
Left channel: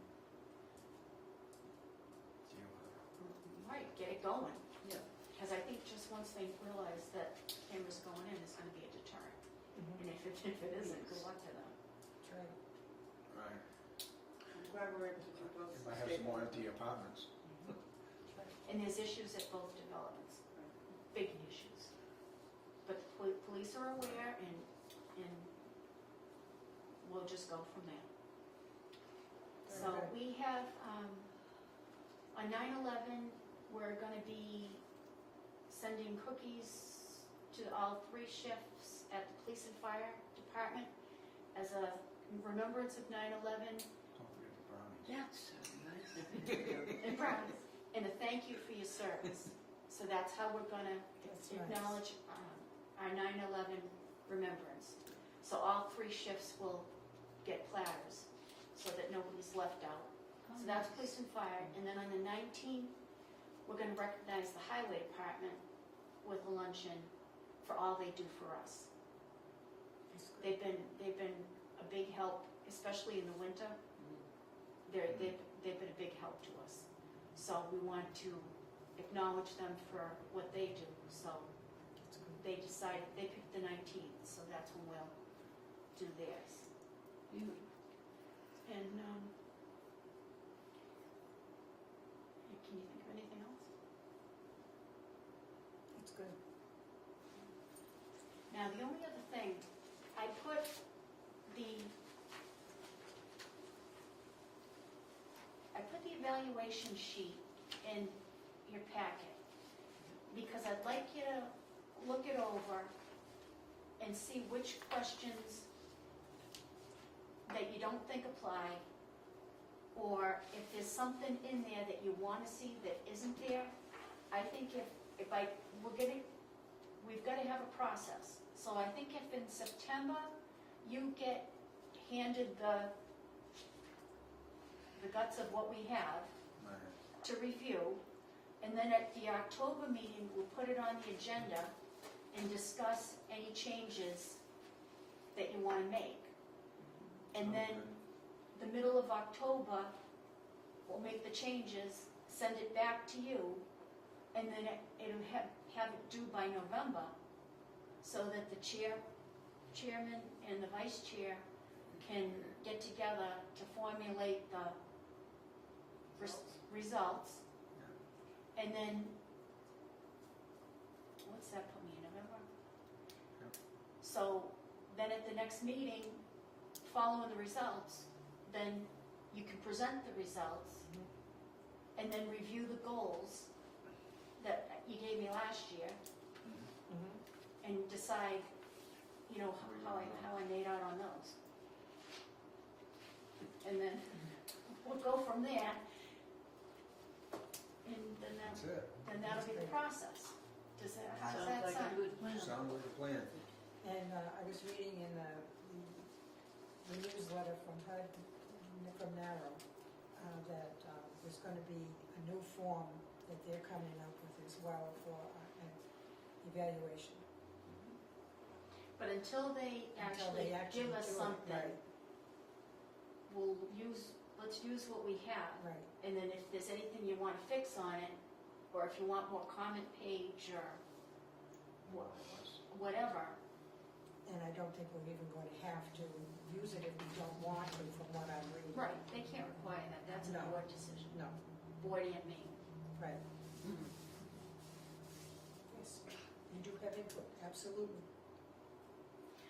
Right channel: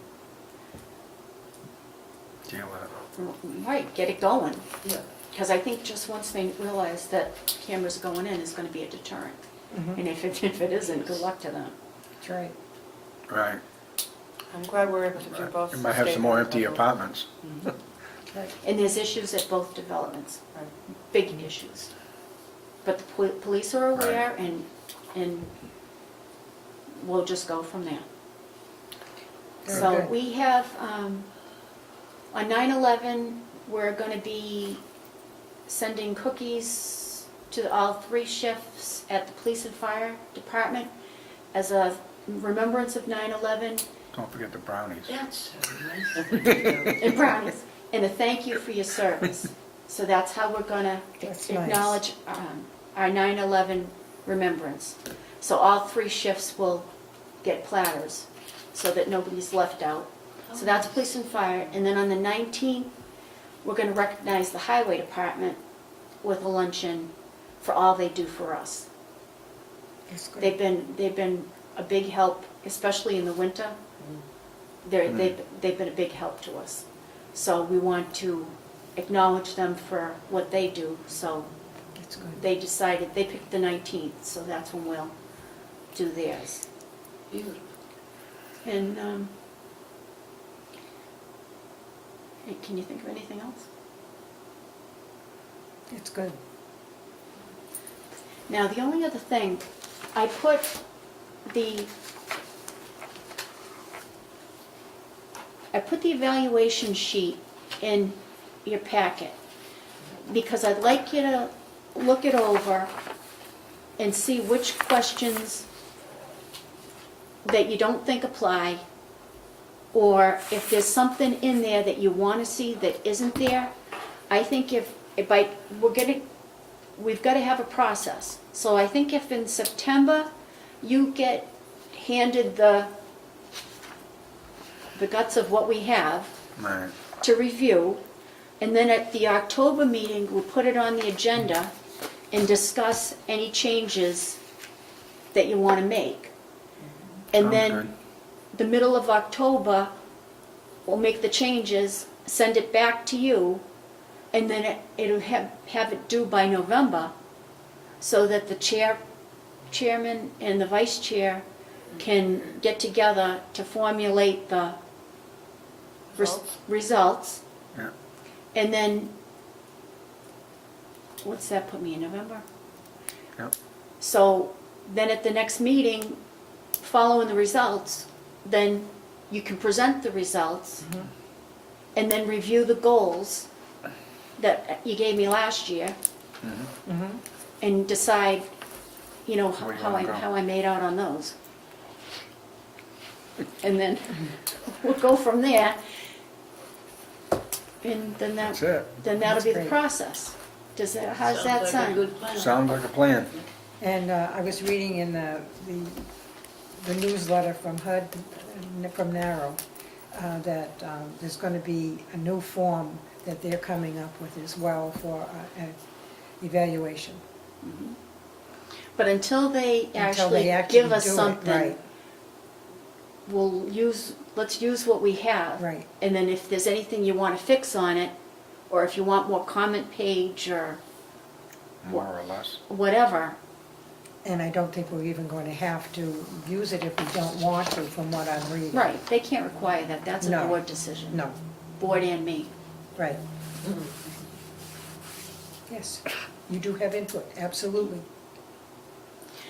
Deal with it. right, get it going. Yeah. Because I think just once they realize that cameras going in is gonna be a deterrent. Mhm. And if it isn't, good luck to them. That's right. Right. I'm glad we're able to do both. You might have state some more and empty local. apartments. Right. And there's issues at both developments, Right. big issues. But the police are aware and we'll just go from there. Very So good. we have, on 9/11, we're gonna be sending cookies to all 3 shifts at the police and fire department as a remembrance of 9/11 Don't forget the brownies. That's so nice. and brownies, and a thank you for your service. So that's how we're gonna That's nice. acknowledge our 9/11 remembrance. So all 3 shifts will get platters, so that nobody's left out. So that's police and fire, and then on the 19th, we're gonna recognize the highway department with a luncheon for all they do for us. That's good. They've been a big help, especially in the winter. They've been a big help to us. So we want to acknowledge them for what they do, so That's good. they decided, they picked the 19th, so that's when we'll do theirs. Beautiful. And, hey, can you think of anything else? It's good. Now, the only other thing, I put the evaluation sheet in your packet, because I'd like you to look it over and see which questions that you don't think apply, or if there's something in there that you want to see that isn't there. I think we've got to have a process. So I think if in September you get handed the guts of what we have Right. to review, and then at the October meeting, we'll put it on the agenda and discuss any changes that you want to make. And Sounds then good. the middle of October, we'll make the changes, send it back to you, and then it'll have it due by November, so that the chairman and the vice chair can get together to formulate the results. Yeah. And then, what's that put me in, November? Yep. So then at the next meeting, following the results, then you can present the results and then review the goals that you gave me last year Mm-hmm. and decide, you know, Where you how wanna go. I made out on those. And then we'll go from there. And then That's it. then that'll be the That's great. process. How does that Sounds like a sound? good plan. Sounds like a plan. And I was reading in the newsletter from HUD, from Narrow, that there's going to be a new form that they're coming up with as well for evaluation. But until they Until they actually give actually us do it, something, right. let's use what we have. Right. And then if there's anything you want to fix on it, or if you want more comment page or More or less. whatever, And I don't think we're even going to have to use it if we don't want to, from what I'm reading. right, they can't require that, that's a No. board decision. No, Board and me. right. Yes, you do have input, absolutely.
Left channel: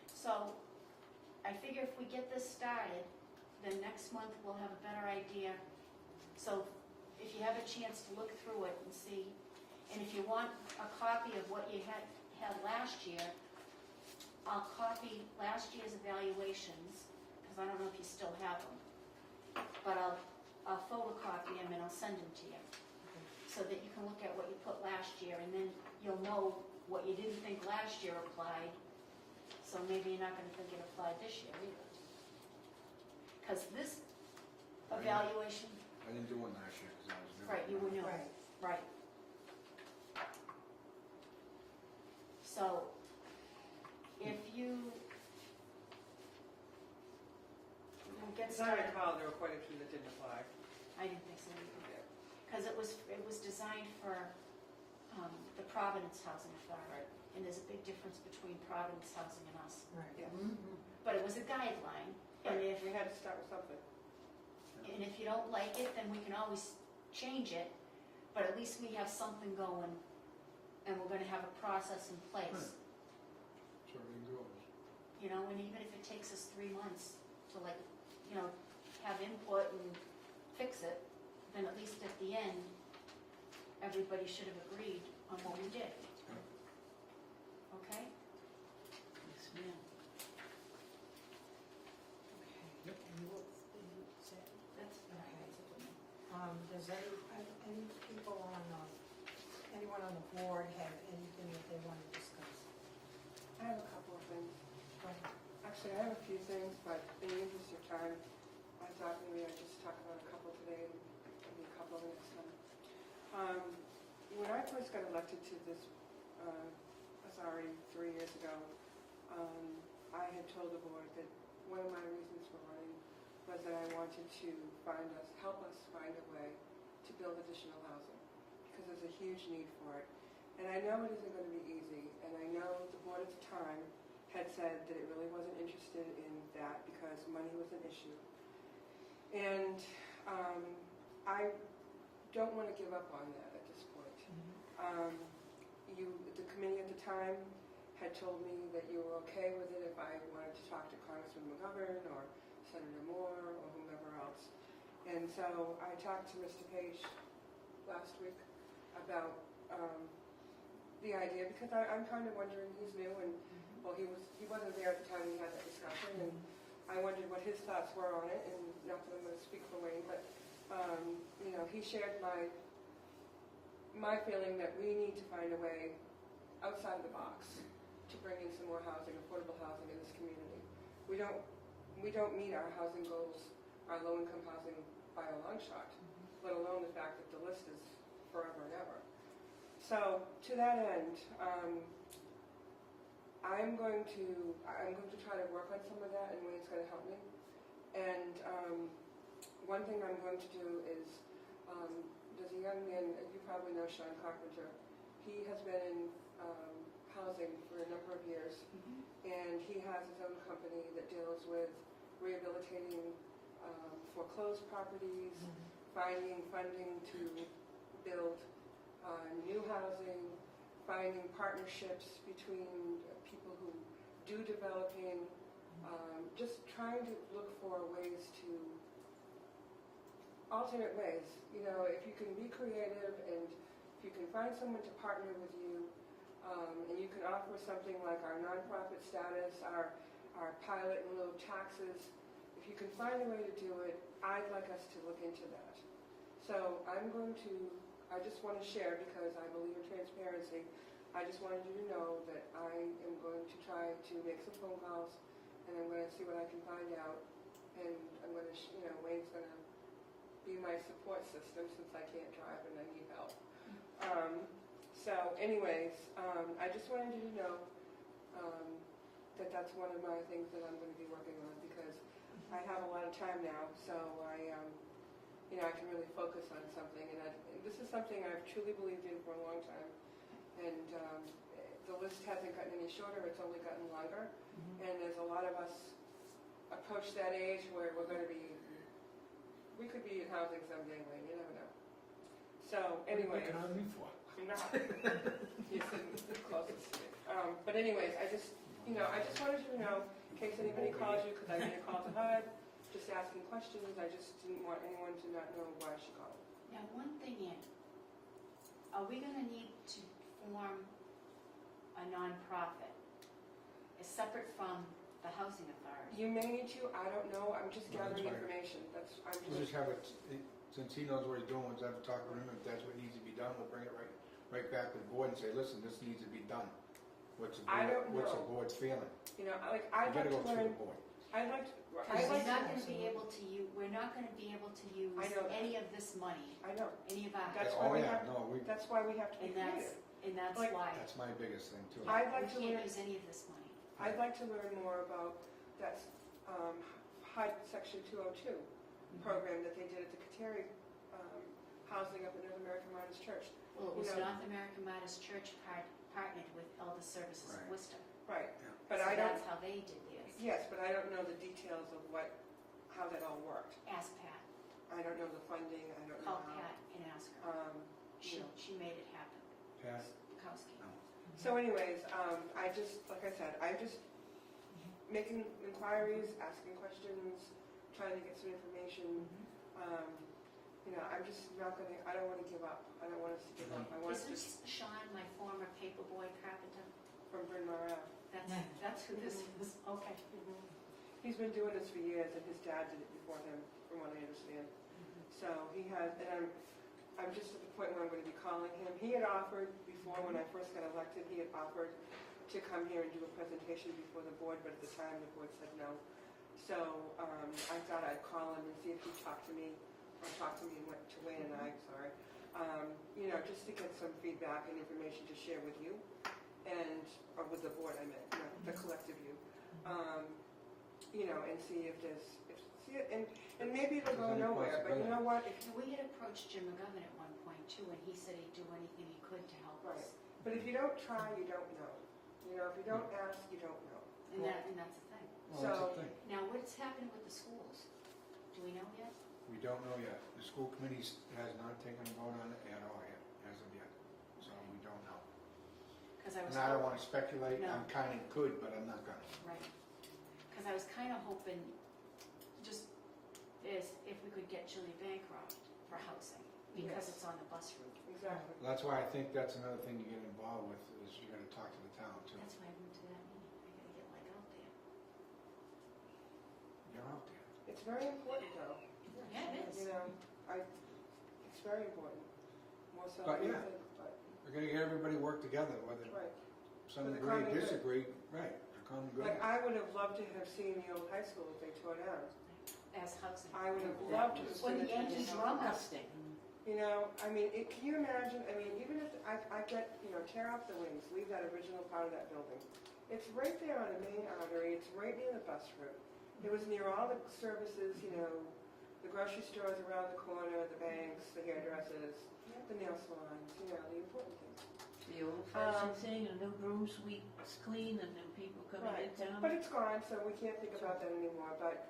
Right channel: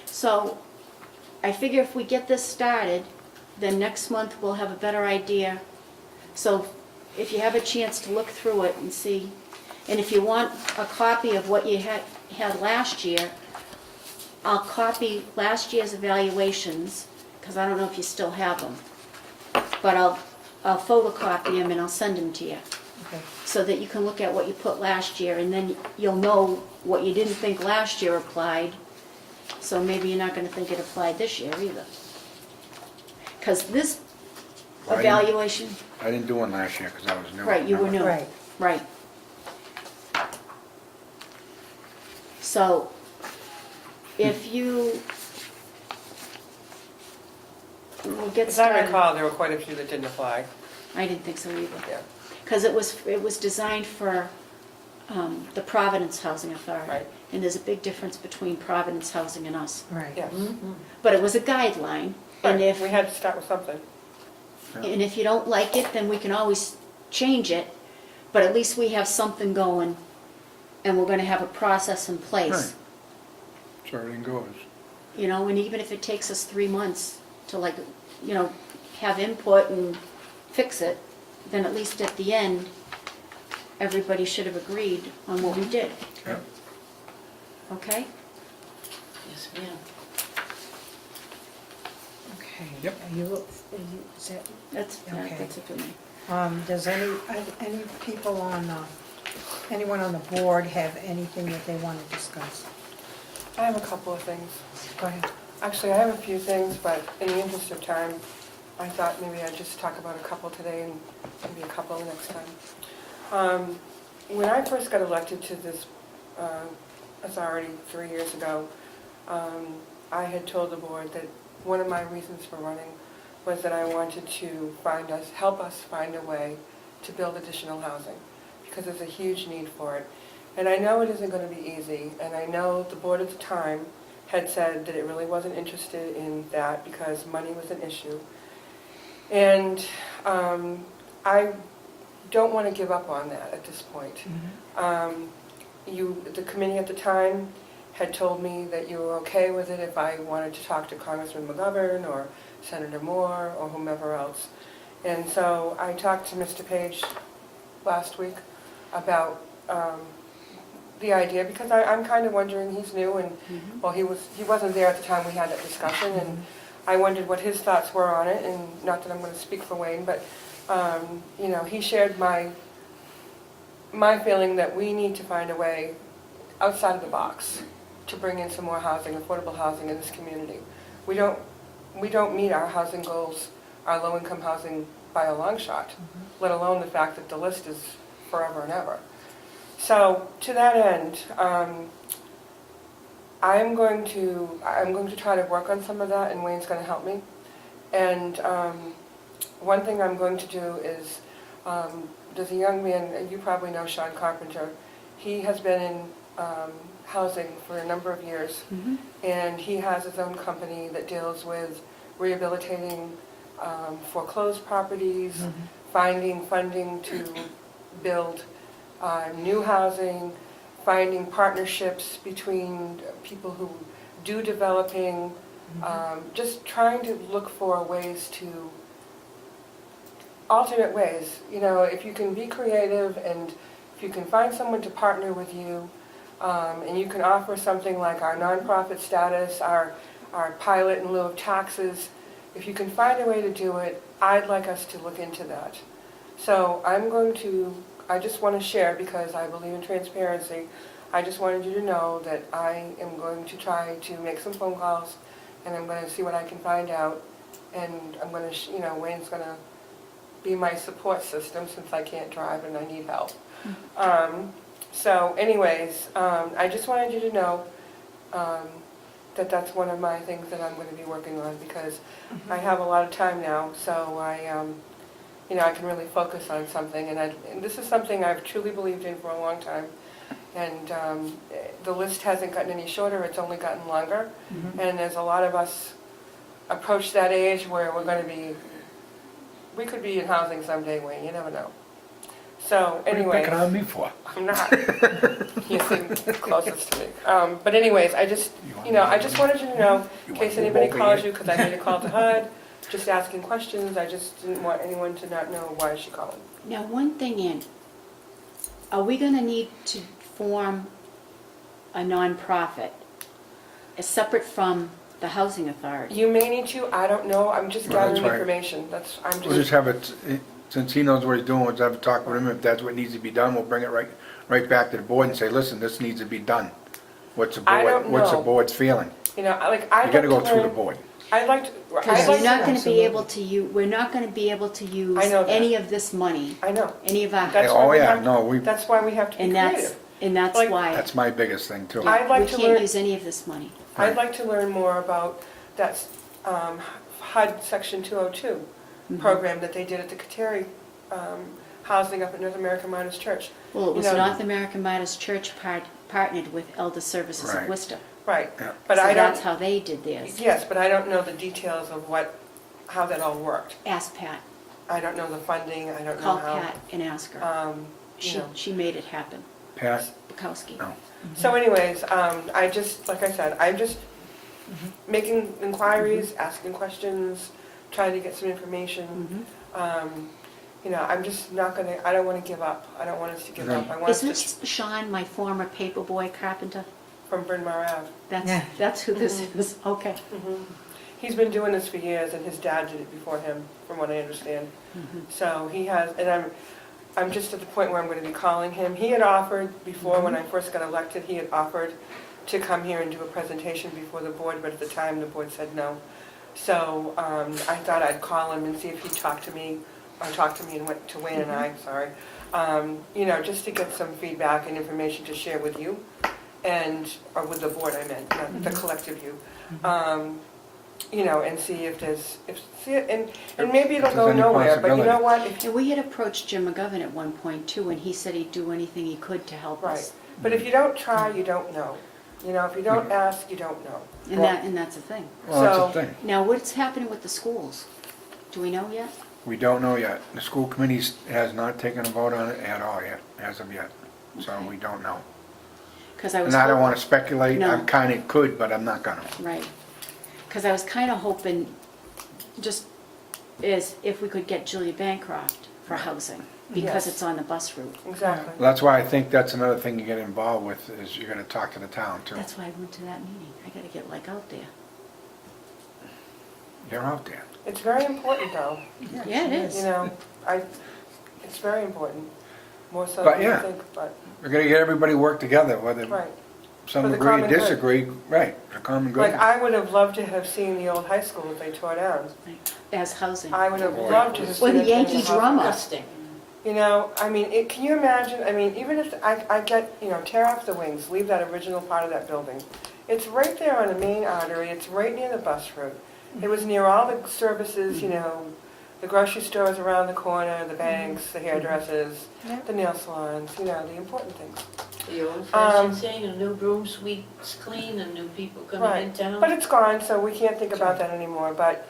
So I figure if we get this started, then next month we'll have a better idea. So if you have a chance to look through it and see, and if you want a copy of what you had last year, I'll copy last year's evaluations, because I don't know if you still have them. But I'll photocopy them and I'll send them to you, Okay. so that you can look at what you put last year, and then you'll know what you didn't think last year applied, so maybe you're not gonna think it applied this year either. Because this Right. evaluation, I didn't do one last year because I was new. right, you were remember? new. Right. Right. So, if you will get As I started. recall, there were quite a few that didn't apply. I didn't think so either. Yeah. Because it was designed for the Providence Housing Authority. Right. And there's a big difference between Providence Housing and us. Right. Yes. But it was a guideline, and Right, if, we had to start with something. and if you don't like it, then we can always change it. but at least we have something going, and we're gonna have a process in place. Right. So everything goes. You know, and even if it takes us 3 months to like, you know, have input and fix it, then at least at the end, everybody should have agreed on what we did, Yeah. okay? Yes, ma'am. Okay. Yep. Is that, That's, Okay. that's it for me. does any people on, anyone on the board have anything that they want to discuss? I have a couple of things. Go ahead. Actually, I have a few things, but in the interest of time, I thought maybe I'd just talk about a couple today and maybe a couple next time. When I first got elected to this authority 3 years ago, I had told the board that one of my reasons for running was that I wanted to help us find a way to build additional housing, because there's a huge need for it. And I know it isn't going to be easy, and I know the board at the time had said that it really wasn't interested in that because money was an issue. And I don't want to give up on that at this point. The committee at the time had told me that you were okay with it if I wanted to talk to Congressman McGovern or Senator Moore or whomever else. And so I talked to Mr. Page last week about the idea, because I'm kind of wondering, he's new, and well, he wasn't there at the time we had that discussion, and I wondered what his thoughts were on it, and not that I'm going to speak for Wayne, but you know, he shared my feeling that we need to find a way outside of the box to bring in some more housing, affordable housing in this community. We don't meet our housing goals, our low-income housing by a long shot, let alone the fact that the list is forever and ever. So to that end, I'm going to try to work on some of that, and Wayne's going to help me. And one thing I'm going to do is, there's a young man, you probably know Sean Carpenter. He has been in housing for a number of years, and he has his own company that deals with rehabilitating foreclosed properties, finding funding to build new housing, finding partnerships between people who do developing, just trying to look for ways to, alternate ways. You know, if you can be creative and if you can find someone to partner with you, and you can offer something like our nonprofit status, our pilot in lieu of taxes, if you can find a way to do it, I'd like us to look into that. So I just want to share, because I believe in transparency, I just wanted you to know that I am going to try to make some phone calls, and I'm going to see what I can find out, and I'm going to, Wayne's going to be my support system since I can't drive and I need help. So anyways, I just wanted you to know that that's one of my things that I'm going to be working on, because I have a lot of time now, so I can really focus on something, and this is something I've truly believed in for a long time, and the list hasn't gotten any shorter, it's only gotten longer, and as a lot of us approach that age where we could be in housing someday, Wayne, you never know. So anyway, What are you picking on me for? I'm not. You seem closest to me. But anyways, I just wanted you to know, in case anybody calls you, because I made a call to HUD, just asking questions. I just didn't want anyone to not know why she called. Now, one thing, Ann, are we gonna need to form a nonprofit, separate from the housing authority? You may need to. I don't know. I'm just Well, that's gathering right. information. We'll just have it, since he knows what he's doing, we'll have a talk with him. If that's what needs to be done, we'll bring it right back to the board and say, listen, this needs to be done. What's the I don't board's know. feeling? I You like gotta go to through the learn. board. Because we're not gonna be able to we're not gonna be able to use I know that. any of this money, I know. any of our, That's why Oh, we yeah, have- no, That's why we have to be and creative. that's Like, why that's my biggest thing too. I'd like we to can't learn. use any of this money. I'd like to learn more about that HUD Section 202 program that they did at the Kateri housing up at North American Miners Church. Well, it was You know- North American Miners Church partnered with Elder Services of Right. Worcester. Right, Yeah. but So I that's don't, how they did theirs. yes, but I don't know the details of how that all worked. Ask Pat, I don't know the funding, I don't know call how. Pat and ask her. She made it happen, Pat? Bukowski. No. So anyways, I just, like I said, I'm just making inquiries, asking questions, trying to get some information. I'm just not gonna, I don't wanna give up. I don't want us to give up. I want us Isn't to, this Sean, my former paperboy carpenter? from Bryn Mawr Ave. Yeah. That's who this is, okay. He's been doing this for years, and his dad did it before him, from what I understand. So he has, and I'm just at the point where I'm gonna be calling him. He had offered before, when I first got elected, he had offered to come here and do a presentation before the board, but at the time, the board said no. So I thought I'd call him and see if he'd talk to me, or talk to me and went to Wayne and I, sorry. Just to get some feedback and information to share with you, or with the board, I meant, not the collective you. And see if there's, and maybe it'll If go there's any nowhere, but you know possibility. what? If And we had approached Jim McGovern at one point too, and he said he'd do anything he could to help Right. us. But if you don't try, you don't know. If you don't ask, you don't know. And that's the thing. Well, that's So- the thing. Now, what's happening with the schools? Do we know yet? We don't know yet. The school committee has not taken a vote on it at all yet, as of yet. So Okay. we don't know. Because I was And I don't hoping- wanna speculate. No. I kinda could, but I'm not gonna. Right. Because I was kind of hoping, just is if we could get Julia Bancroft for housing, because Yes. it's on the bus route. Exactly. Well, that's why I think that's another thing you get involved with, is you're gonna talk to the town too. That's why I went to that meeting. I got to get like out there. They're out there. It's very important, though. Yeah, it is. It's very important, more so But than you yeah. think, but, We're gonna get everybody work together, whether right. some For the agree or common good. disagree, right, for common good. Like, I would have loved to have seen the old high school that they tore down. As housing. I would have Boy. loved to have seen Or it. the in Yankee hospital. drummer. Disgusting. Can you imagine, even if I get, tear off the wings, leave that original part of that building. It's right there on the main artery, it's right near the bus route. It was near all the services, the grocery stores around the corner, the banks, the hairdressers, Yeah. the nail salons, the important things. The old-fashioned saying, a new broom sweeps clean, and new people coming in Right. town. But it's gone, so we can't think about that anymore, but,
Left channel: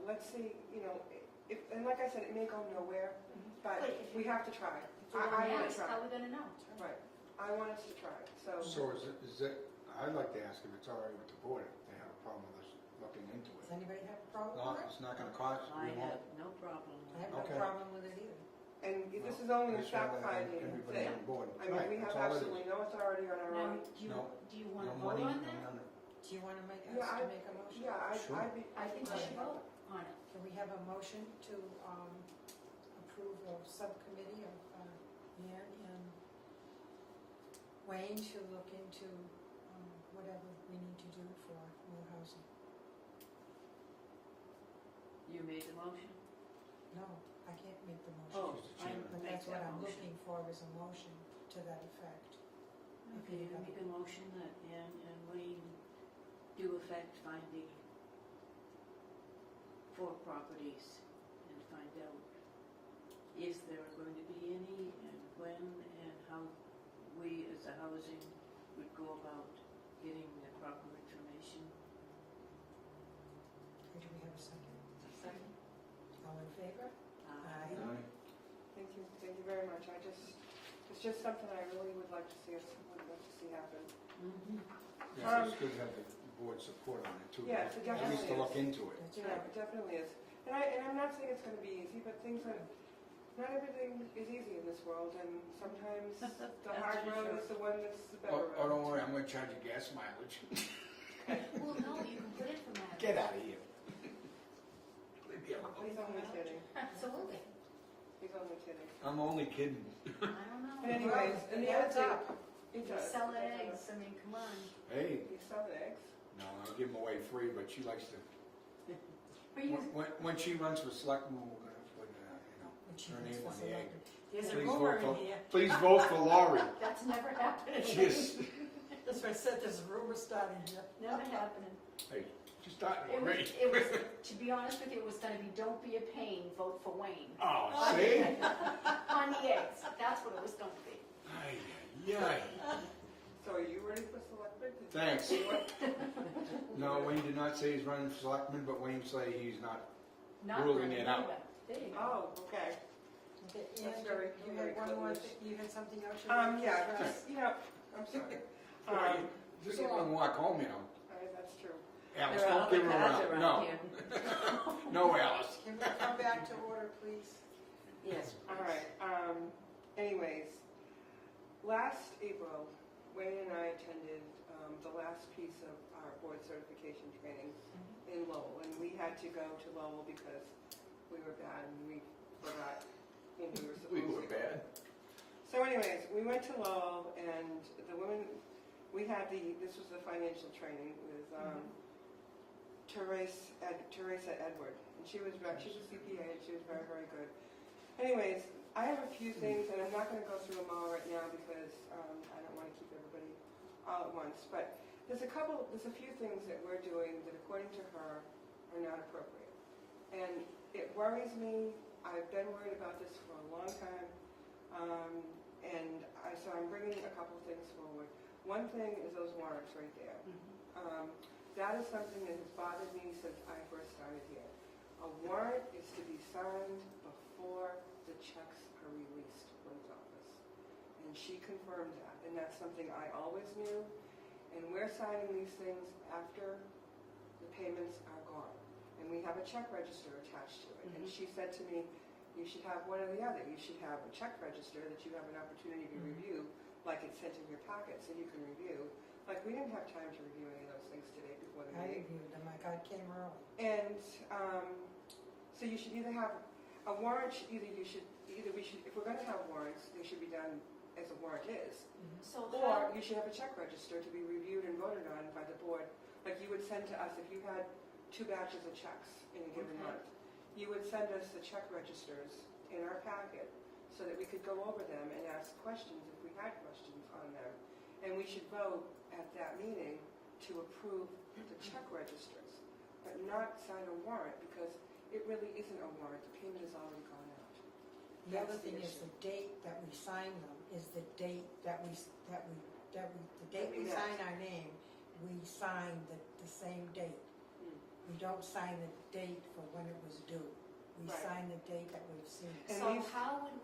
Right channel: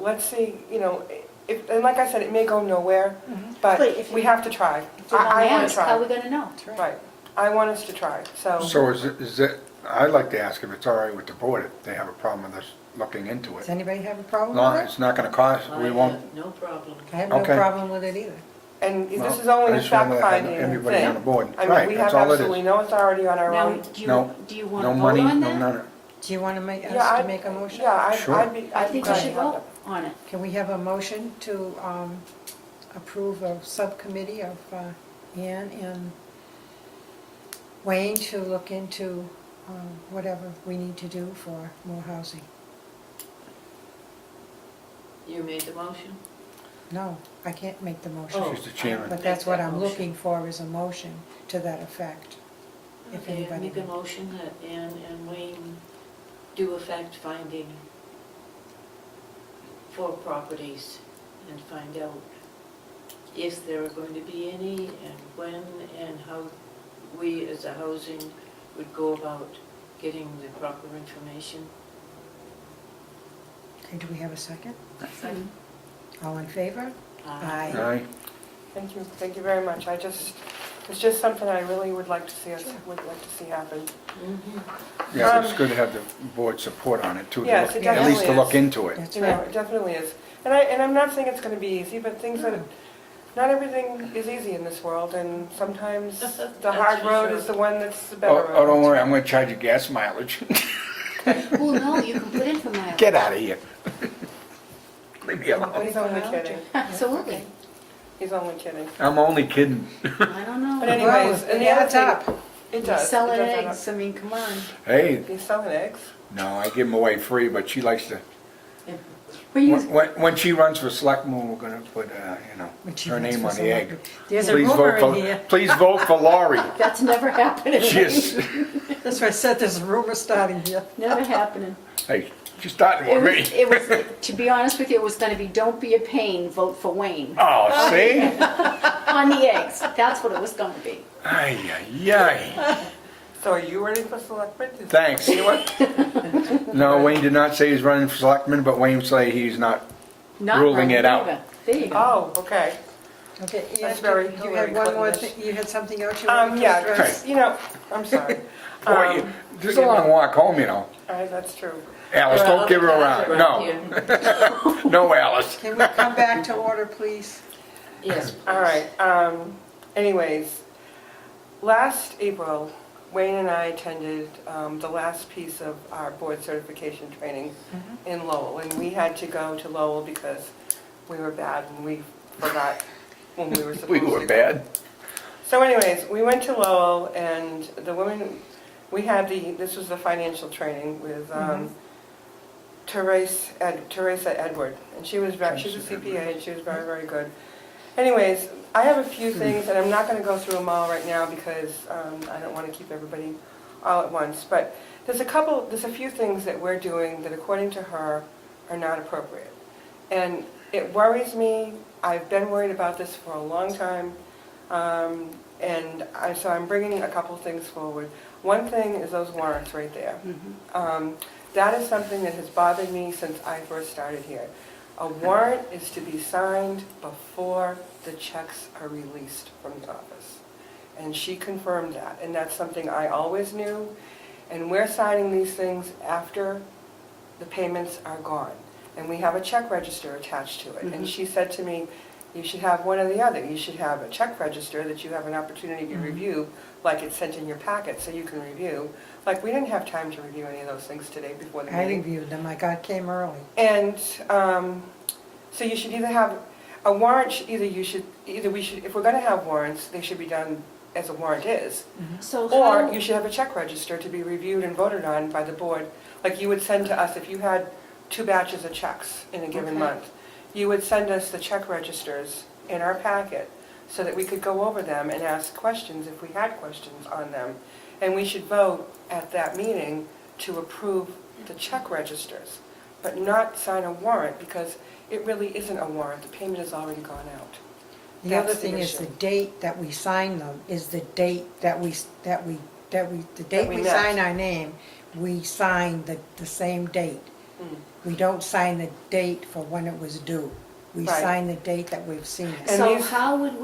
let's see, and like I said, it may go nowhere, But but if we you- have to try. If we don't I want ask, to how try. are we going to know? Right, I want us to try, so. So is it, I'd like to ask if it's all right with the board, if they have a problem with us looking into Does it. anybody have a problem No, with it? it's not gonna cost, I we have won't, no problem. I have no Okay. problem with it either. And well, this is only I a just wanna have fact-finding everybody on the thing. board. I mean, Right, we that's have all it absolutely is. no authority on our Now, own. No. do you want No to vote money, on no that? none. Do you want to make, Yeah, us to I'd- make a motion? Yeah, Sure. I'd be I think we glad should to have vote on it. Can we have a motion to approve a subcommittee of Ann and Wayne to look into whatever we need to do for more housing? You made the motion? No, I can't make the motion. Oh, She's the chairman. But that's what I'm looking for, is a motion to that effect. If Okay, I anybody make a would. motion that Ann and Wayne do a fact-finding for properties and find out if there are going to be any, and when, and how we as a housing would go about getting the proper information. Okay, do we have a second? Mhm. All in favor? Aye. Aye. Thank you very much. It's just something I really would like to see happen. Mhm. Yeah, it's good to have the board support on it too, to Yes, look- it at least to definitely look is. into it. That's It right. definitely is. And I'm not saying it's gonna be easy, but not everything is easy in this world, and sometimes the That's hard for road sure. is the one that's the better Oh, road. oh, don't worry, I'm gonna charge you gas mileage. Well, no, you can put in for mileage. Get out of here. Leave me But alone. he's only kidding. Absolutely. He's only kidding. I'm only kidding. I don't know. But anyways, Well, and it the other adds thing, up. it You're does. selling it does add eggs, I mean, come on. Hey, up. He's selling eggs. no, I give them away free, but she likes to, But you, when she runs for selectman, we're gonna put, When she her runs name for on the egg. selectman. There's a Please rumor vote in for- here. Please vote for Laurie. that's never happening. She is, That's why I said there's a rumor starting here. Never happening. hey, she's starting It with was, me. it was, to be honest with you, it was gonna be, don't be a pain, vote for Wayne. Oh, see? On the eggs, that's what it was gonna be. Ay, ay, ay. So are you ready for selectmen? Thanks. No, Wayne did not say he's running for selectman, but Wayne say he's not. Not Ruling running it out. either. There you go. Oh, okay. Okay, That's Ann, very you had Hillary one more Clinton-ish. thing, you had something else you wanted to Yeah, address? just, I'm sorry. Boy, you- this is a long walk home, you know. All right, that's true. Alice, There are don't give her other around. cars No, around here. no, Alice. Can we come back to order, please? Yes. All right, anyways, last April, Wayne and I attended the last piece of our board certification training in Lowell. And we had to go to Lowell because we were bad and we forgot when we were supposed We to. were bad. So anyways, we went to Lowell and the woman, we had this was the financial training with Teresa Edward. And she's a CPA and she was very, very good. Anyways, I have a few things, and I'm not going to go through them all right now because I don't want to keep everybody all at once. But there's a few things that we're doing that, according to her, are not appropriate. And it worries me. I've been worried about this for a long time. So I'm bringing a couple things forward. One thing is those warrants right there. That is something that has bothered me since I first started here. A warrant is to be signed before the checks are released from the office. And she confirmed that, and that's something I always knew. And we're signing these things after the payments are gone. And we have a check register attached to it. And she said to me, you should have one or the other. You should have a check register that you have an opportunity to review, like it's sent in your packet so you can review. Like, we didn't have time to review any of those things today before the I meeting. reviewed them, came early. And so you should either have a warrant, if we're going to have warrants, they should be done as a warrant is. So Or how, you should have a check register to be reviewed and voted on by the board. Like you would send to us, if you had 2 batches of checks in a given Okay. month, you would send us the check registers in our packet so that we could go over them and ask questions if we had questions on them. And we should vote at that meeting to approve the check registers, but not sign a warrant because it really isn't a warrant. The payment has already gone out. The That's other the thing is issue. the date that we sign them is the date the date we we met. sign our name, we sign the same date. We don't sign the date for when it was due. We Right. sign the date that we've seen it. And so these- how would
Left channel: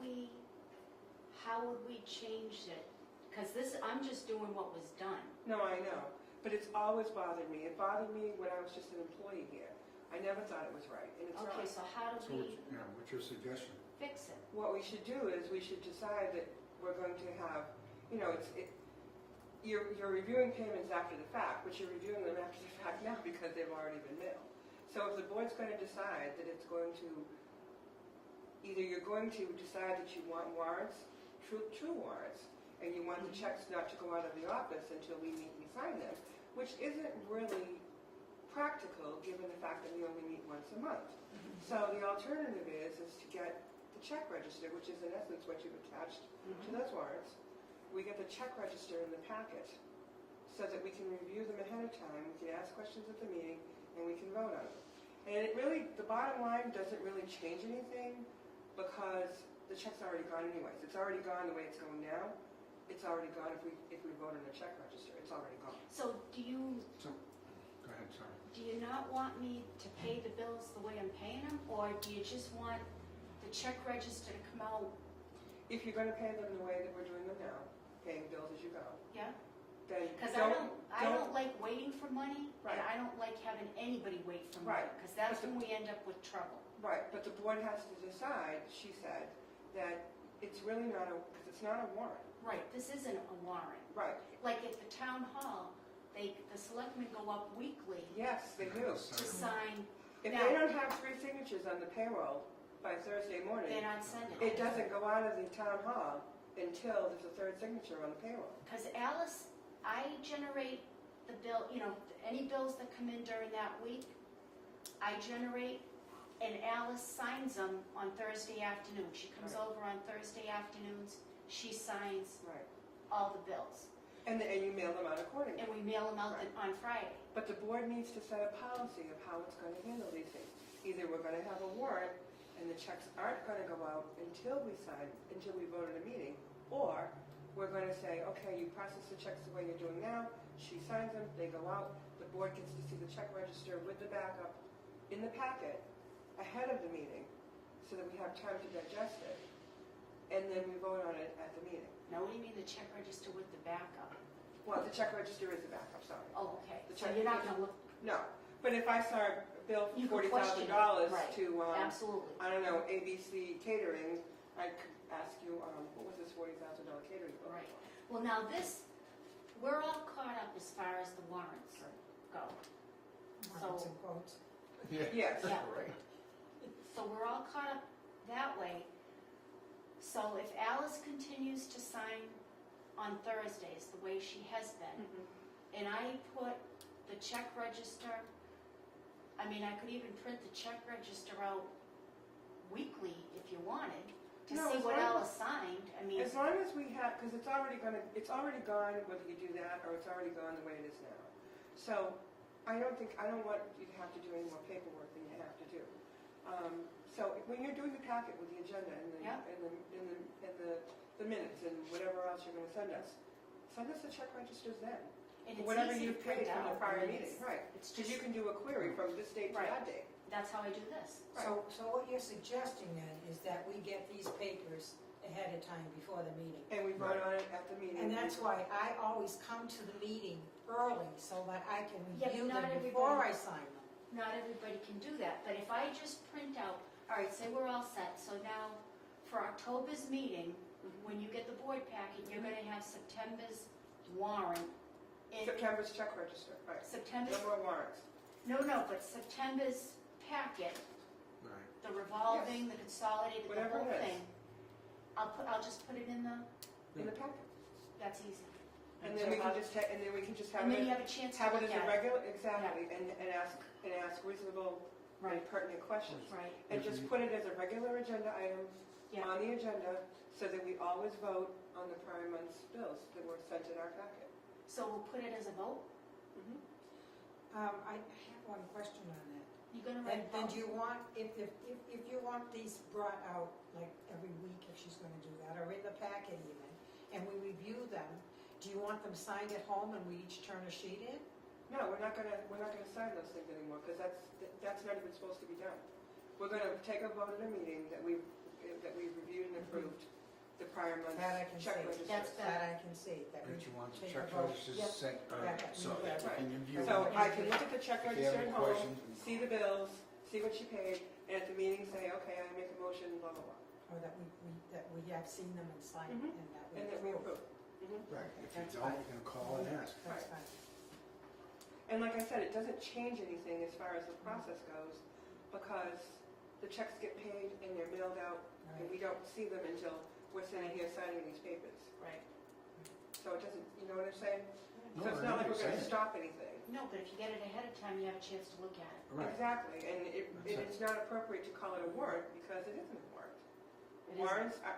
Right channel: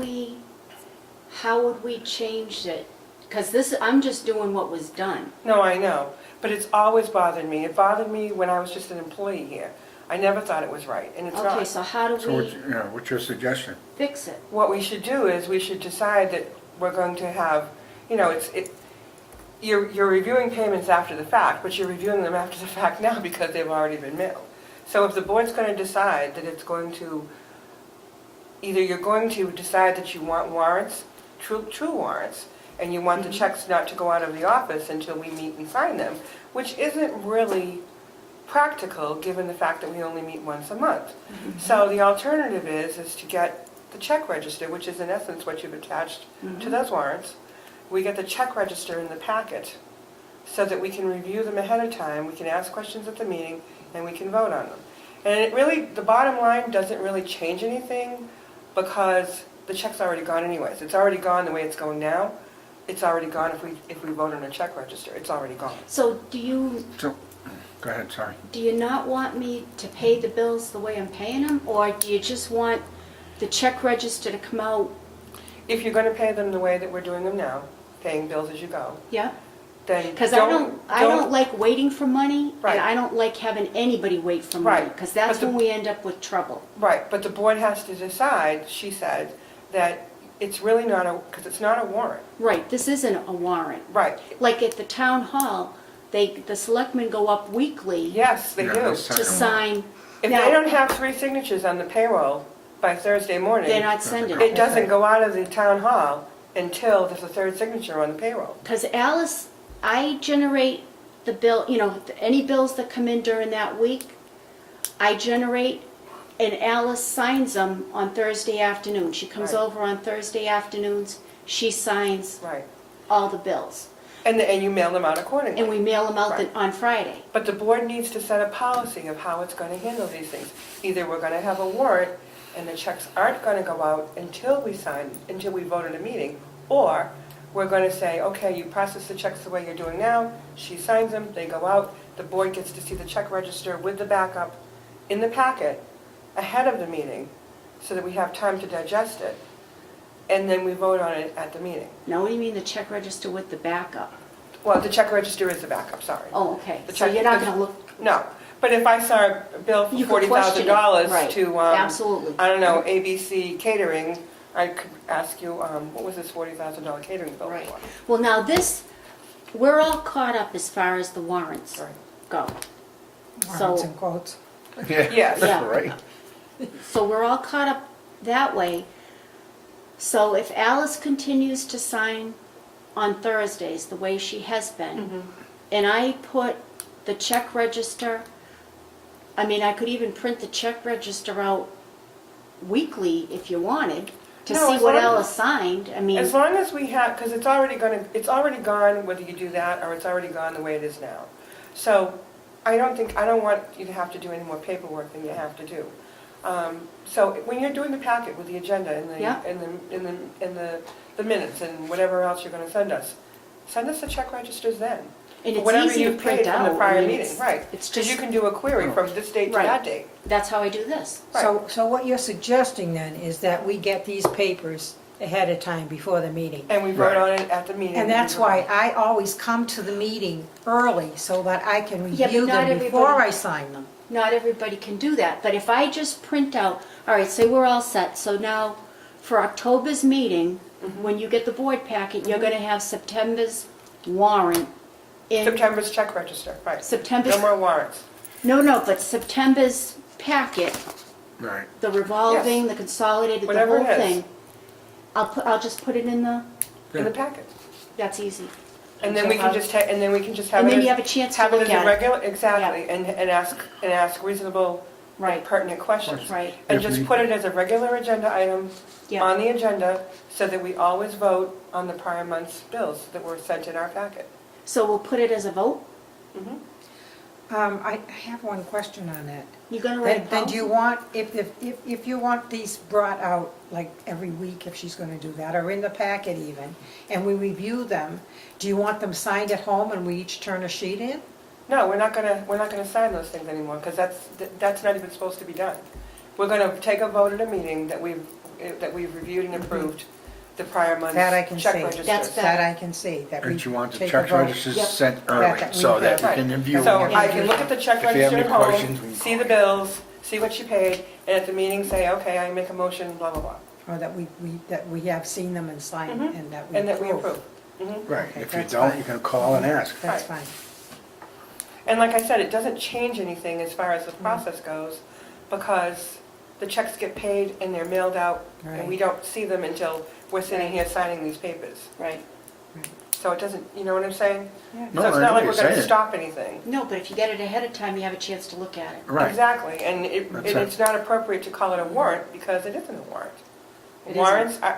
we change it? Because I'm just doing what was done. No, I know, but it's always bothered me. It bothered me when I was just an employee here. I never thought it was right, and it's Okay, not. so how do So what's your suggestion? fix it? What we should do is we should decide that we're going to have, you're reviewing payments after the fact, but you're reviewing them after the fact now because they've already been mailed. So if the board's going to decide that it's going to, either you're going to decide that you want warrants, true warrants, and you want the checks not to go out of the office until we meet and sign them, which isn't really practical given the fact that we only meet once a month. So the alternative is to get the check register, which is in essence what you've attached to those warrants. We get the check register in the packet so that we can review them ahead of time, we can ask questions at the meeting, and we can vote on them. And it really, the bottom line doesn't really change anything because the check's already gone anyways. It's already gone the way it's going now. It's already gone if we vote on a check register. It's already gone. So do Go ahead, sorry. you not want me to pay the bills the way I'm paying them? Or do you just want the check register to come out? If you're going to pay them the way that we're doing them now, paying bills as you go, Yeah? then Because I don't like waiting for money, Right. and I don't like having anybody wait for money. Right. Because that's But the- when we end up with trouble. Right, but the board has to decide, she said, that it's really not because it's not a warrant. Right, this isn't a warrant. Right, Like at the town hall, the selectmen go up weekly yes, they Yeah, do. that's- to sign. If Now- they don't have 3 signatures on the payroll by Thursday morning, They're not sending it it. doesn't go out of the town hall until there's a 3rd signature on the payroll. Because Alice, I generate the bill, any bills that come in during that week, I generate, and Alice signs them on Thursday afternoon. She comes Right. over on Thursday afternoons, she signs Right, all the bills. and you mail them out accordingly. And we mail them out Right. on Friday. But the board needs to set a policy of how it's going to handle these things. Either we're going to have a warrant and the checks aren't going to go out until we vote at a meeting, or we're going to say, okay, you process the checks the way you're doing now, she signs them, they go out, the board gets to see the check register with the backup in the packet ahead of the meeting so that we have time to digest it. and then we vote on it at the meeting. No, what do you mean the check register with the backup? Well, the check register is the backup, sorry. Oh, okay, The so check- you're not gonna look, No, but if I saw a bill you for could question it. $40,000 Right. to, Absolutely. I don't know, ABC Catering, I could ask you, what was this $40,000 catering bill Right. for? Well, now this, we're all caught up as far as the warrants Right. go. Warrants So- and quotes. Yeah, Yes. Yeah. right. So we're all caught up that way. So if Alice continues to sign on Thursdays the way she has been, and I put the check register, I mean, I could even print the check register out weekly if you wanted, to No, see as what long as- Alice signed, I mean, As long as we have, because it's already gone, whether you do that, or it's already gone the way it is now. So I don't want you to have to do any more paperwork than you have to do. So when you're doing the packet with the agenda and Yeah. the minutes and whatever else you're gonna send us the check registers then. and For it's whatever easy to you print paid from out. the prior I mean, meeting, it's- right. It's Because you just, can do a query from this date to Right. that date. that's how I do this. So what you're suggesting then is that we get these papers ahead of time before the meeting. And we vote Right. on it at the meeting. And that's why I always come to the meeting early so that I can Yeah, but review not them before everybody- I sign them. Not everybody can do that, but if I just print out, all right, say we're all set, so now for October's meeting, when you get the board packet, you're gonna have September's warrant in September's check register, right. September's, No more warrants. no, but September's packet, Right. the revolving, the consolidated, the Whatever whole it is. thing. I'll just put it in the, In the packet. that's easy. And then So we can how- just, and then we can just have And it then you as, have a chance to have it look as a at it. regular, exactly, and ask reasonable and Right, pertinent questions. right, And If just we- put it as a regular agenda item yeah. on the agenda, so that we always vote on the prior month's bills that were sent in our packet. So we'll put it as a vote? Mhm. I have one question on that. You gonna write a Then do policy? you want, if you want these brought out like every week, if she's gonna do that, or in the packet even, and we review them, do you want them signed at home and we each turn a sheet in? No, we're not gonna sign those things anymore, because that's not even supposed to be done. We're gonna take a vote at a meeting that we've reviewed and approved the prior month's That I can check see. registers. That's That I can see, that we And you want the take a check vote. registers Yep. sent That early, we so that have. we can review So them. I can look at the check If you have register any at home, questions, we can see call. the bills, see what you paid, and at the meeting say, okay, I make a motion, blah, blah, blah. Or that we have seen them and signed, Mhm. and that we And that we approve. approve. Mhm. Right, Okay, if you that's don't, fine. you can call and ask. That's Right. fine. And like I said, it doesn't change anything as far as the process goes, because the checks get paid and they're mailed out, and we Right. don't see them until we're sitting here signing these papers. Right. So it doesn't, you know what I'm saying? Yeah. No, So it's I not know like what we're you're gonna saying. stop anything. No, but if you get it ahead of time, you have a chance to look at it. Right, Exactly, and That's it. it's not appropriate to call it a warrant, because it isn't a warrant. It isn't.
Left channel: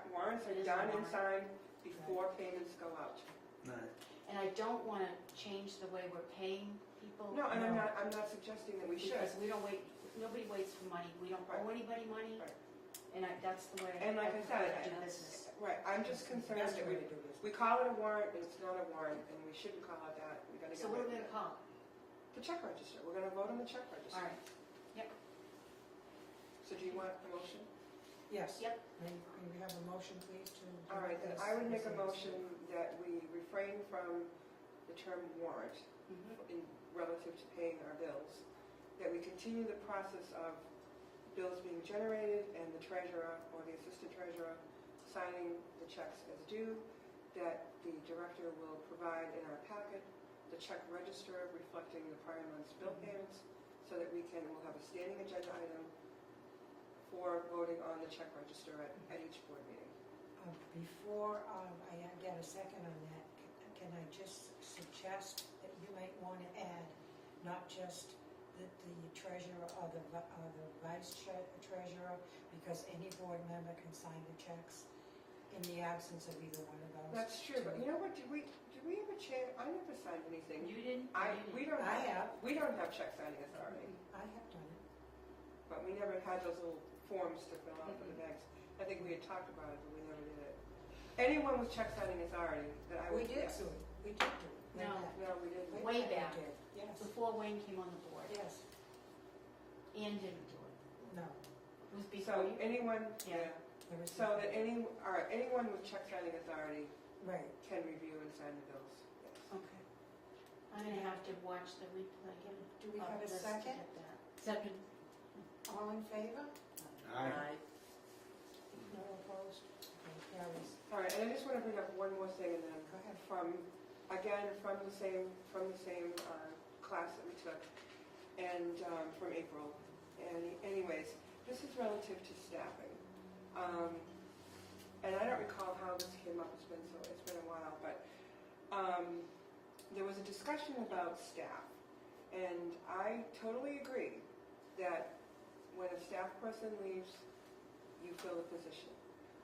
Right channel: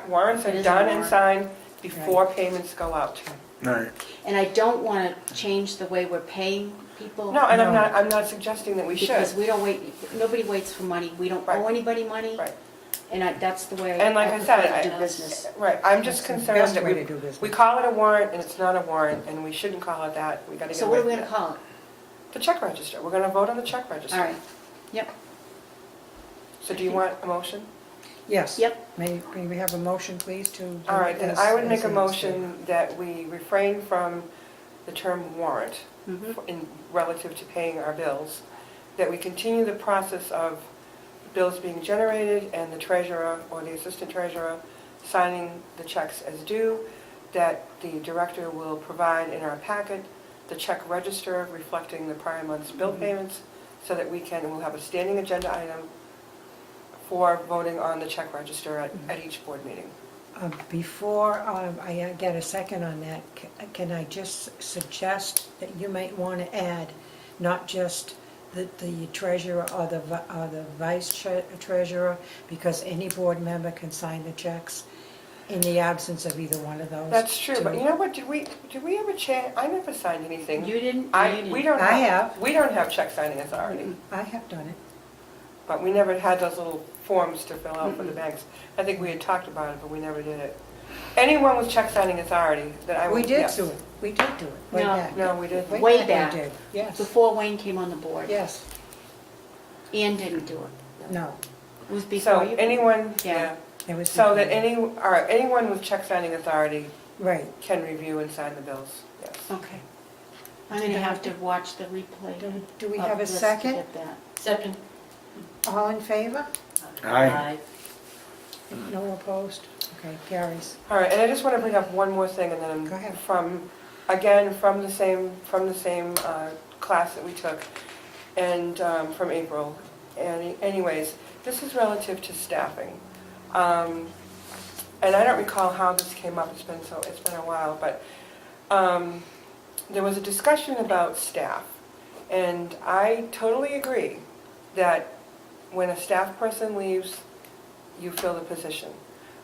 Warrants It are isn't a done and warrant. signed before payments go out. right. And I don't want to change the way we're paying people. No, and No. I'm not suggesting that we should. Because we don't wait, nobody waits for money, we don't Right. owe anybody money. Right. And that's the way And like I said, prefer to do business. Right, I'm just That's the concerned best that way to we do business. call it a warrant, and it's not a warrant, and we shouldn't call it that. We gotta get So away what are we from gonna that. call it? The check register, we're gonna vote on the check register. All right, yep, So do you want a motion? Yes. yep, May we have a motion, please, to do All right, then as- I would as make a it is motion that we refrain from the term warrant mhm, in relative to paying our bills, that we continue the process of bills being generated and the treasurer or the assistant treasurer signing the checks as due, that the director will provide in our packet the check register reflecting the prior month's bill payments, so that we'll have a standing agenda item for voting on the check register at each board meeting. Before I get a second on that, can I just suggest that you might want to add not just the treasurer or the vice treasurer, because any board member can sign the checks in the absence of either one of those. That's true, but two. you know what, did we ever I never signed anything. you didn't, you didn't. We don't I have, have. we don't have check signing authority, I have done it. but we never had those little forms to fill out for the banks. I think we had talked about it, but we never did it. Anyone with check signing authority that I would, We did yes. do it, we did do it, way No. back. No, we didn't. Way we back. did, yes, Before Wayne came on the board. yes, Ann didn't do it. no. It was before So you. anyone, Yeah. yeah, It was So that before. anyone with check signing authority Right. can review and sign the bills, yes. Okay. I'm gonna have to watch the replay. Do we of have a this to second? get that. Second. All in favor? Aye. No opposed? Okay, carries. All right, and I just want to bring up one more thing, and Go then ahead. from the same class that we took, and from April. And anyways, this is relative to staffing. And I don't recall how this came up, it's been a while, but there was a discussion about staff. And I totally agree that when a staff person leaves, you fill the position.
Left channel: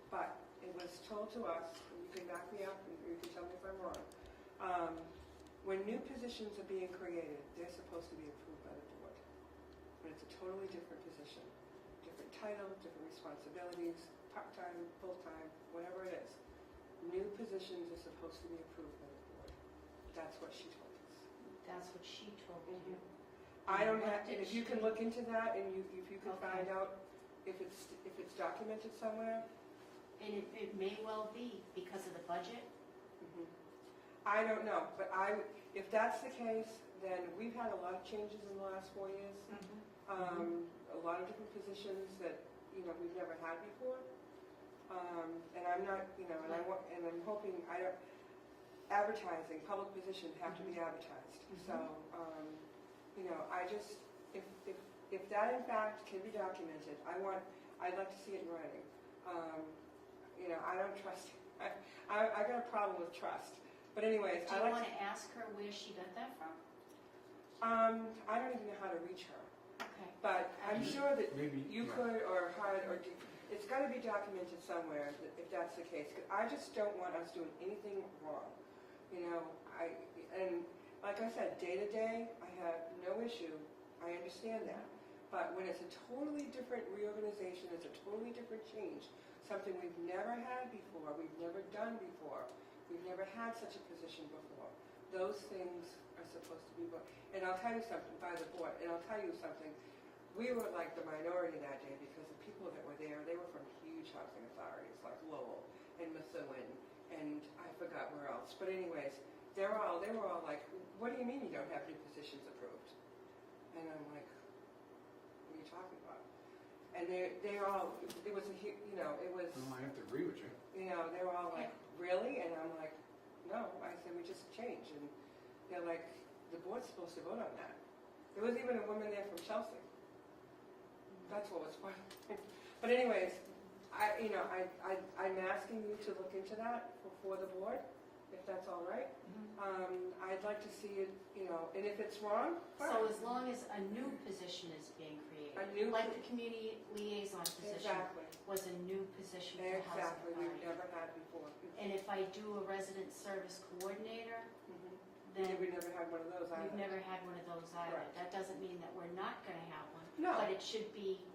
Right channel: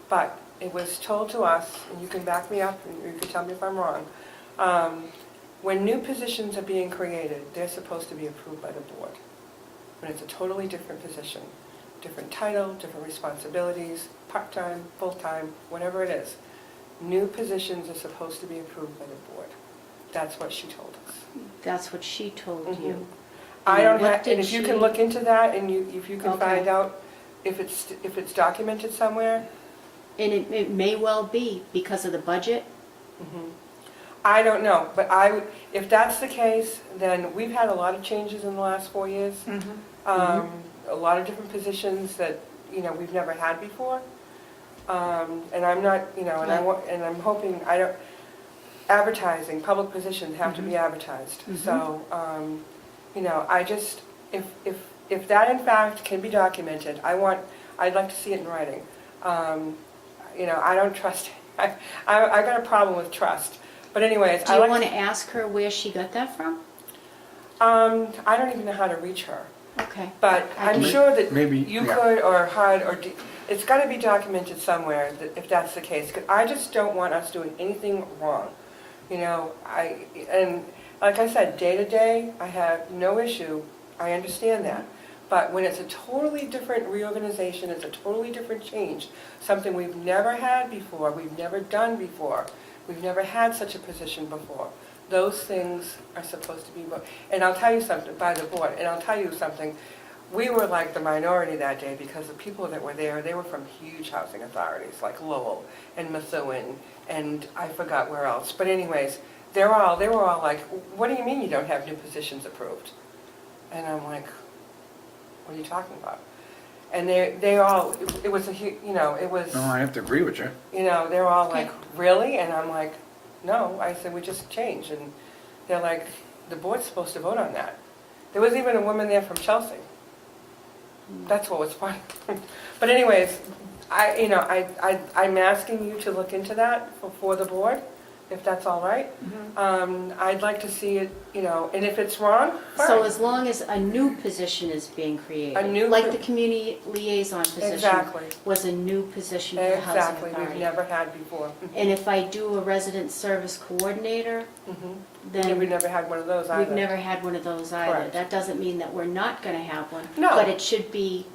But it was told to us, and you can back me up, and you can tell me if I'm wrong, when new positions are being created, they're supposed to be approved by the board. When it's a totally different position, different title, different responsibilities, part-time, full-time, whatever it is, new positions are supposed to be approved by the board. That's what she told us. That's what she told you. I don't what have, did and if you she- can look into that, and if you can Okay. find out if it's documented somewhere. And it may well be because of the budget. I don't know, but if that's the case, then we've had a lot of changes in the last 4 years. A lot of different positions that, we've never had before. And I'm not, and I'm hoping, advertising, public positions have to be advertised. So, I just, if that in fact can be documented, I'd like to see it in writing. I don't trust, I got a problem with trust. But anyways, Do you want to ask her where she got that from? I don't even know how to reach her. Okay. But I I'm can- sure that Maybe, you yeah. could, or HUD, it's got to be documented somewhere if that's the case. 'Cause I just don't want us doing anything wrong. And like I said, day to day, I have no issue. I understand that. But when it's a totally different reorganization, it's a totally different change, something we've never had before, we've never done before, we've never had such a position before. Those things are supposed to be, and I'll tell you something, by the board, and I'll tell you something, we were like the minority that day because the people that were there, they were from huge housing authorities like Lowell and Methuen and I forgot where else. But anyways, they were all like, what do you mean you don't have new positions approved? And I'm like, what are you talking about? And they all, it was it was, No, I have to agree with you. they were all like, really? And I'm like, no. I said, we just changed. And they're like, the board's supposed to vote on that. There was even a woman there from Chelsea. That's what was funny. But anyways, I'm asking you to look into that for the board, if that's all right. I'd like to see it, and if it's wrong, fine. So as long as a new position is being created, A new like po- the community liaison position Exactly, was a new position for the housing exactly, we've authority. never had before. And if I do a resident service coordinator, Yeah, then we've never had one of those either. we've never had one of those either. Correct. That doesn't mean that we're not gonna have one. No. But it should be,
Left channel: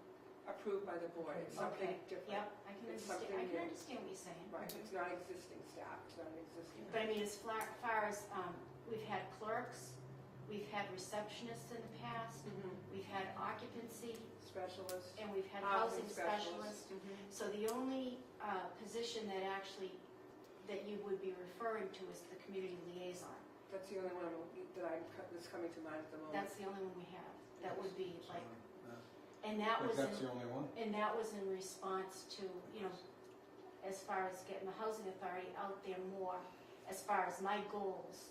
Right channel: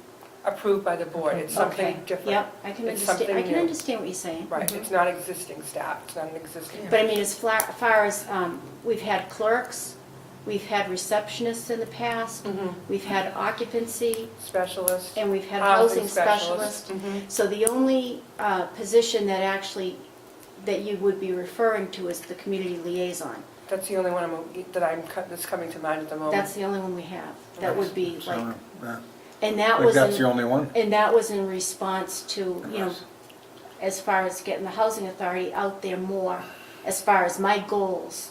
Approved by the board, it's something okay, different. yep, I can It's understand, I something can new. understand what you're saying. Right, it's not existing staff, it's not an existing. But I mean, as far as, we've had clerks, we've had receptionists in the past, we've had occupancy, Specialist. and we've had Housing housing specialists. specialist. So the only position that you would be referring to is the community liaison. That's the only one that's coming to mind at the moment. That's the only one we have. That would be So, like, yeah. and I that think was, that's the in- only one. and that was in response to, as far as getting the housing authority out there more, as far as my goals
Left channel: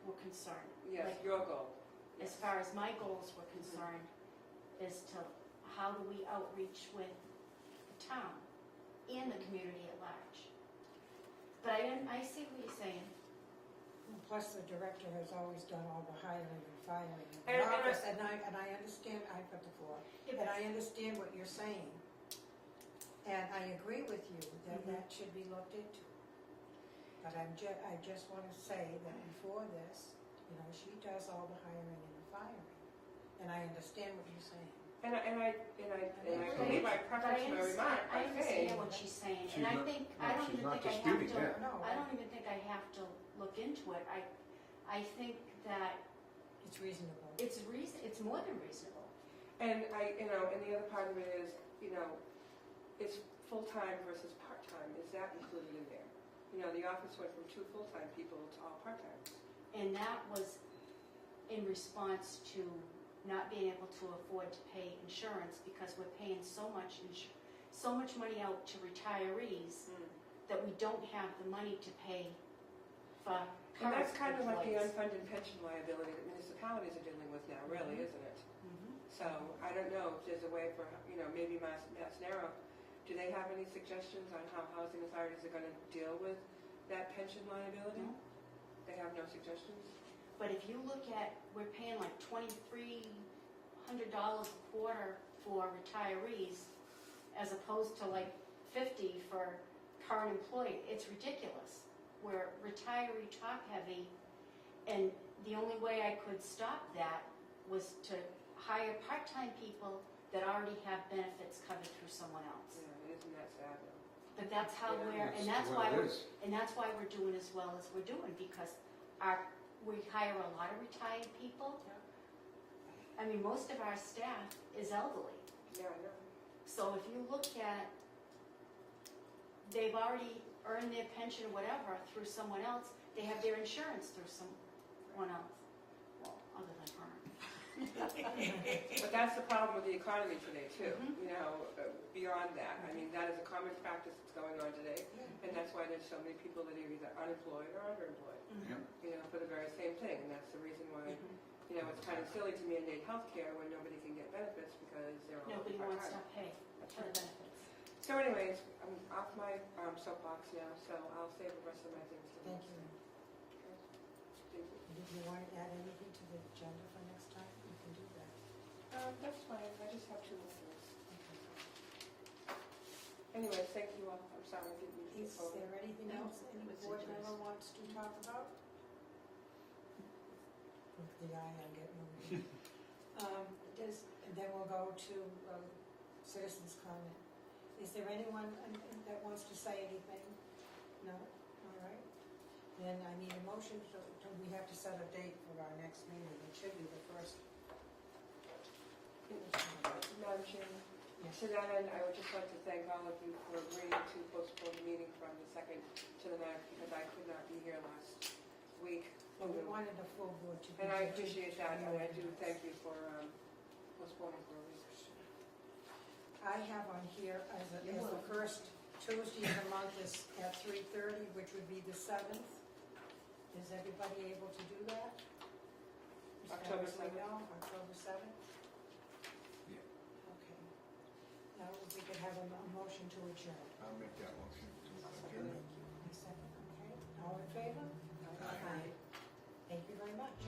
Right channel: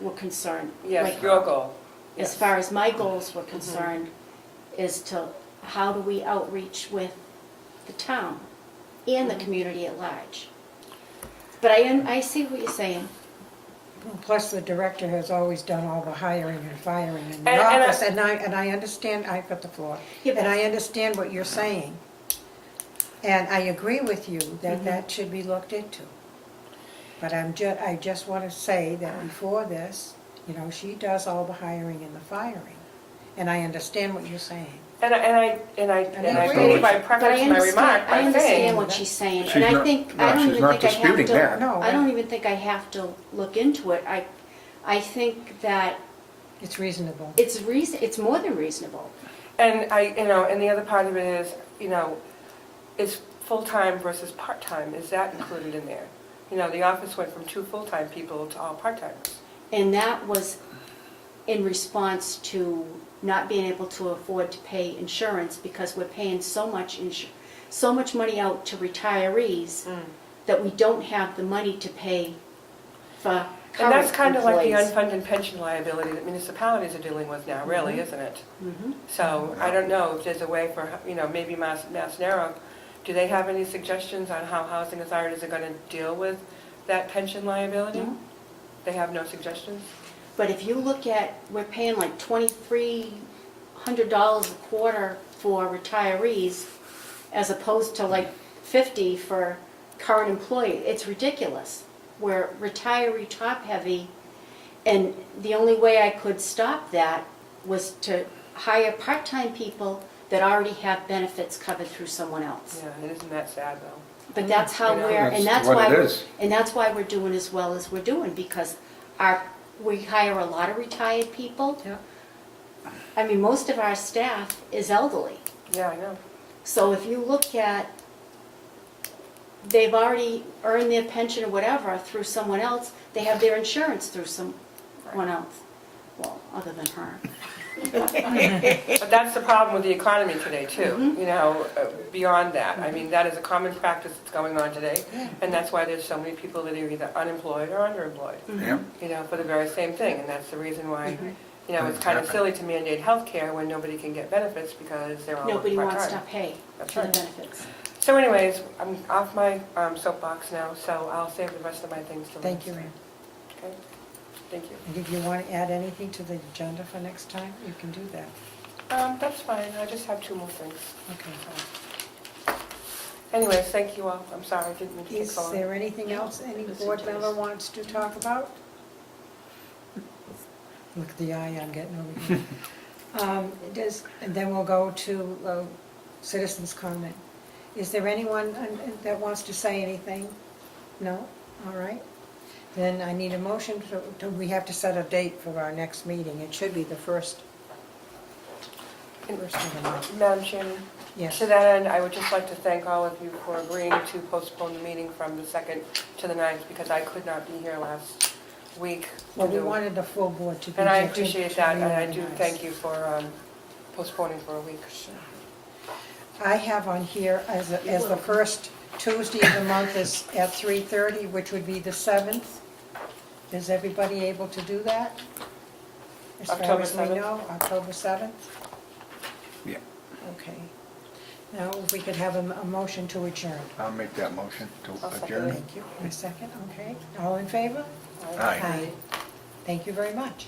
were concerned. Yes, Like, your goal. As Yes. far as my goals were concerned, is to, how do we outreach with the town and the community at large? But I see what you're saying. Plus, the director has always done all the hiring and firing in the And office, and I understand, I've got the floor, Yeah, and but- I understand what you're saying. And I agree with you that that should be looked into. But I just want to say that before this, she does all the hiring and the firing. And I understand what you're saying. And I agree. believe I But prefaced my remark I by understand saying, what she's saying, She's and I not- think, no, I don't she's even not think I have disputing to, that. No, I don't even think I have to look into it. I think that It's reasonable. it's more than reasonable. and and the other part of it is, it's full-time versus part-time, is that included in there? You know, the office went from 2 full-time people to all part-timers. And that was in response to not being able to afford to pay insurance because we're paying so much money out to retirees that we don't have the money to pay for And current that's kind of like the employees. unfunded pension liability that municipalities are dealing with now, really, isn't it? Mhm. So I don't know if there's a way for, you know, maybe Mass Narrow, do they have any suggestions on how housing authorities are going to deal with that pension liability? No. They have no suggestions? But if you look at, we're paying like $2,300 a quarter for retirees as opposed to like $50 for current employee. It's ridiculous. We're retiree top heavy, and the only way I could stop that was to hire part-time people that already have benefits covered through someone else. Yeah, and isn't that sad, though? But that's how Yeah. we're, and That's that's what why it we're, is. and that's why we're doing as well as we're doing, because we hire a lot of retired people. Yeah. I mean, most of our staff is elderly. Yeah, I know. So if you look at, they've already earned their pension or whatever through someone else, they have their insurance through someone else. Well, other than her. But that's the problem with the economy today, too, Mhm. you know, beyond that. I mean, that is a common practice that's going on today, and that's why there's so many people that are either unemployed or underemployed, Yeah. you know, for the very same thing. And that's the reason why, Mhm. you know, it's kind of silly to mandate health care when nobody can get benefits because they're all Nobody part-time. wants to pay That's for the right. benefits. So anyways, I'm off my soapbox now, so I'll save the rest of my things till Thank you, next Ann. time. Okay? Thank you. And if you want to add anything to the agenda for next time, you can do that. That's fine, I just have 2 more things. Okay. Anyways, thank you all. I'm sorry, I didn't mean to take Is so long. there anything else any Listen board to member this. wants to talk about? Look at the eye I'm getting over here. And then we'll go to citizens' comment. Is there anyone that wants to say anything? No? All right. Then I need a motion we have to set a date for our next meeting. It should be the first of the month. Madam Chairman, Yes. to that end, I would just like to thank all of you for agreeing to postpone the meeting from the 2nd to the 9th, because I could not be here last week. Well, we wanted the full board to be And I here to appreciate that, and I do reorganize. thank you for postponing for a week. I have on here as the first Tuesday of the month is at 3:30, which would be the 7th. Is everybody able to do that? As far October as we 7th? know, October 7th? Yeah. Okay. Now, if we could have a motion to adjourn. I'll make that motion to I'll second adjourn. Thank you. A second, okay. All in favor? Aye. Thank you very much.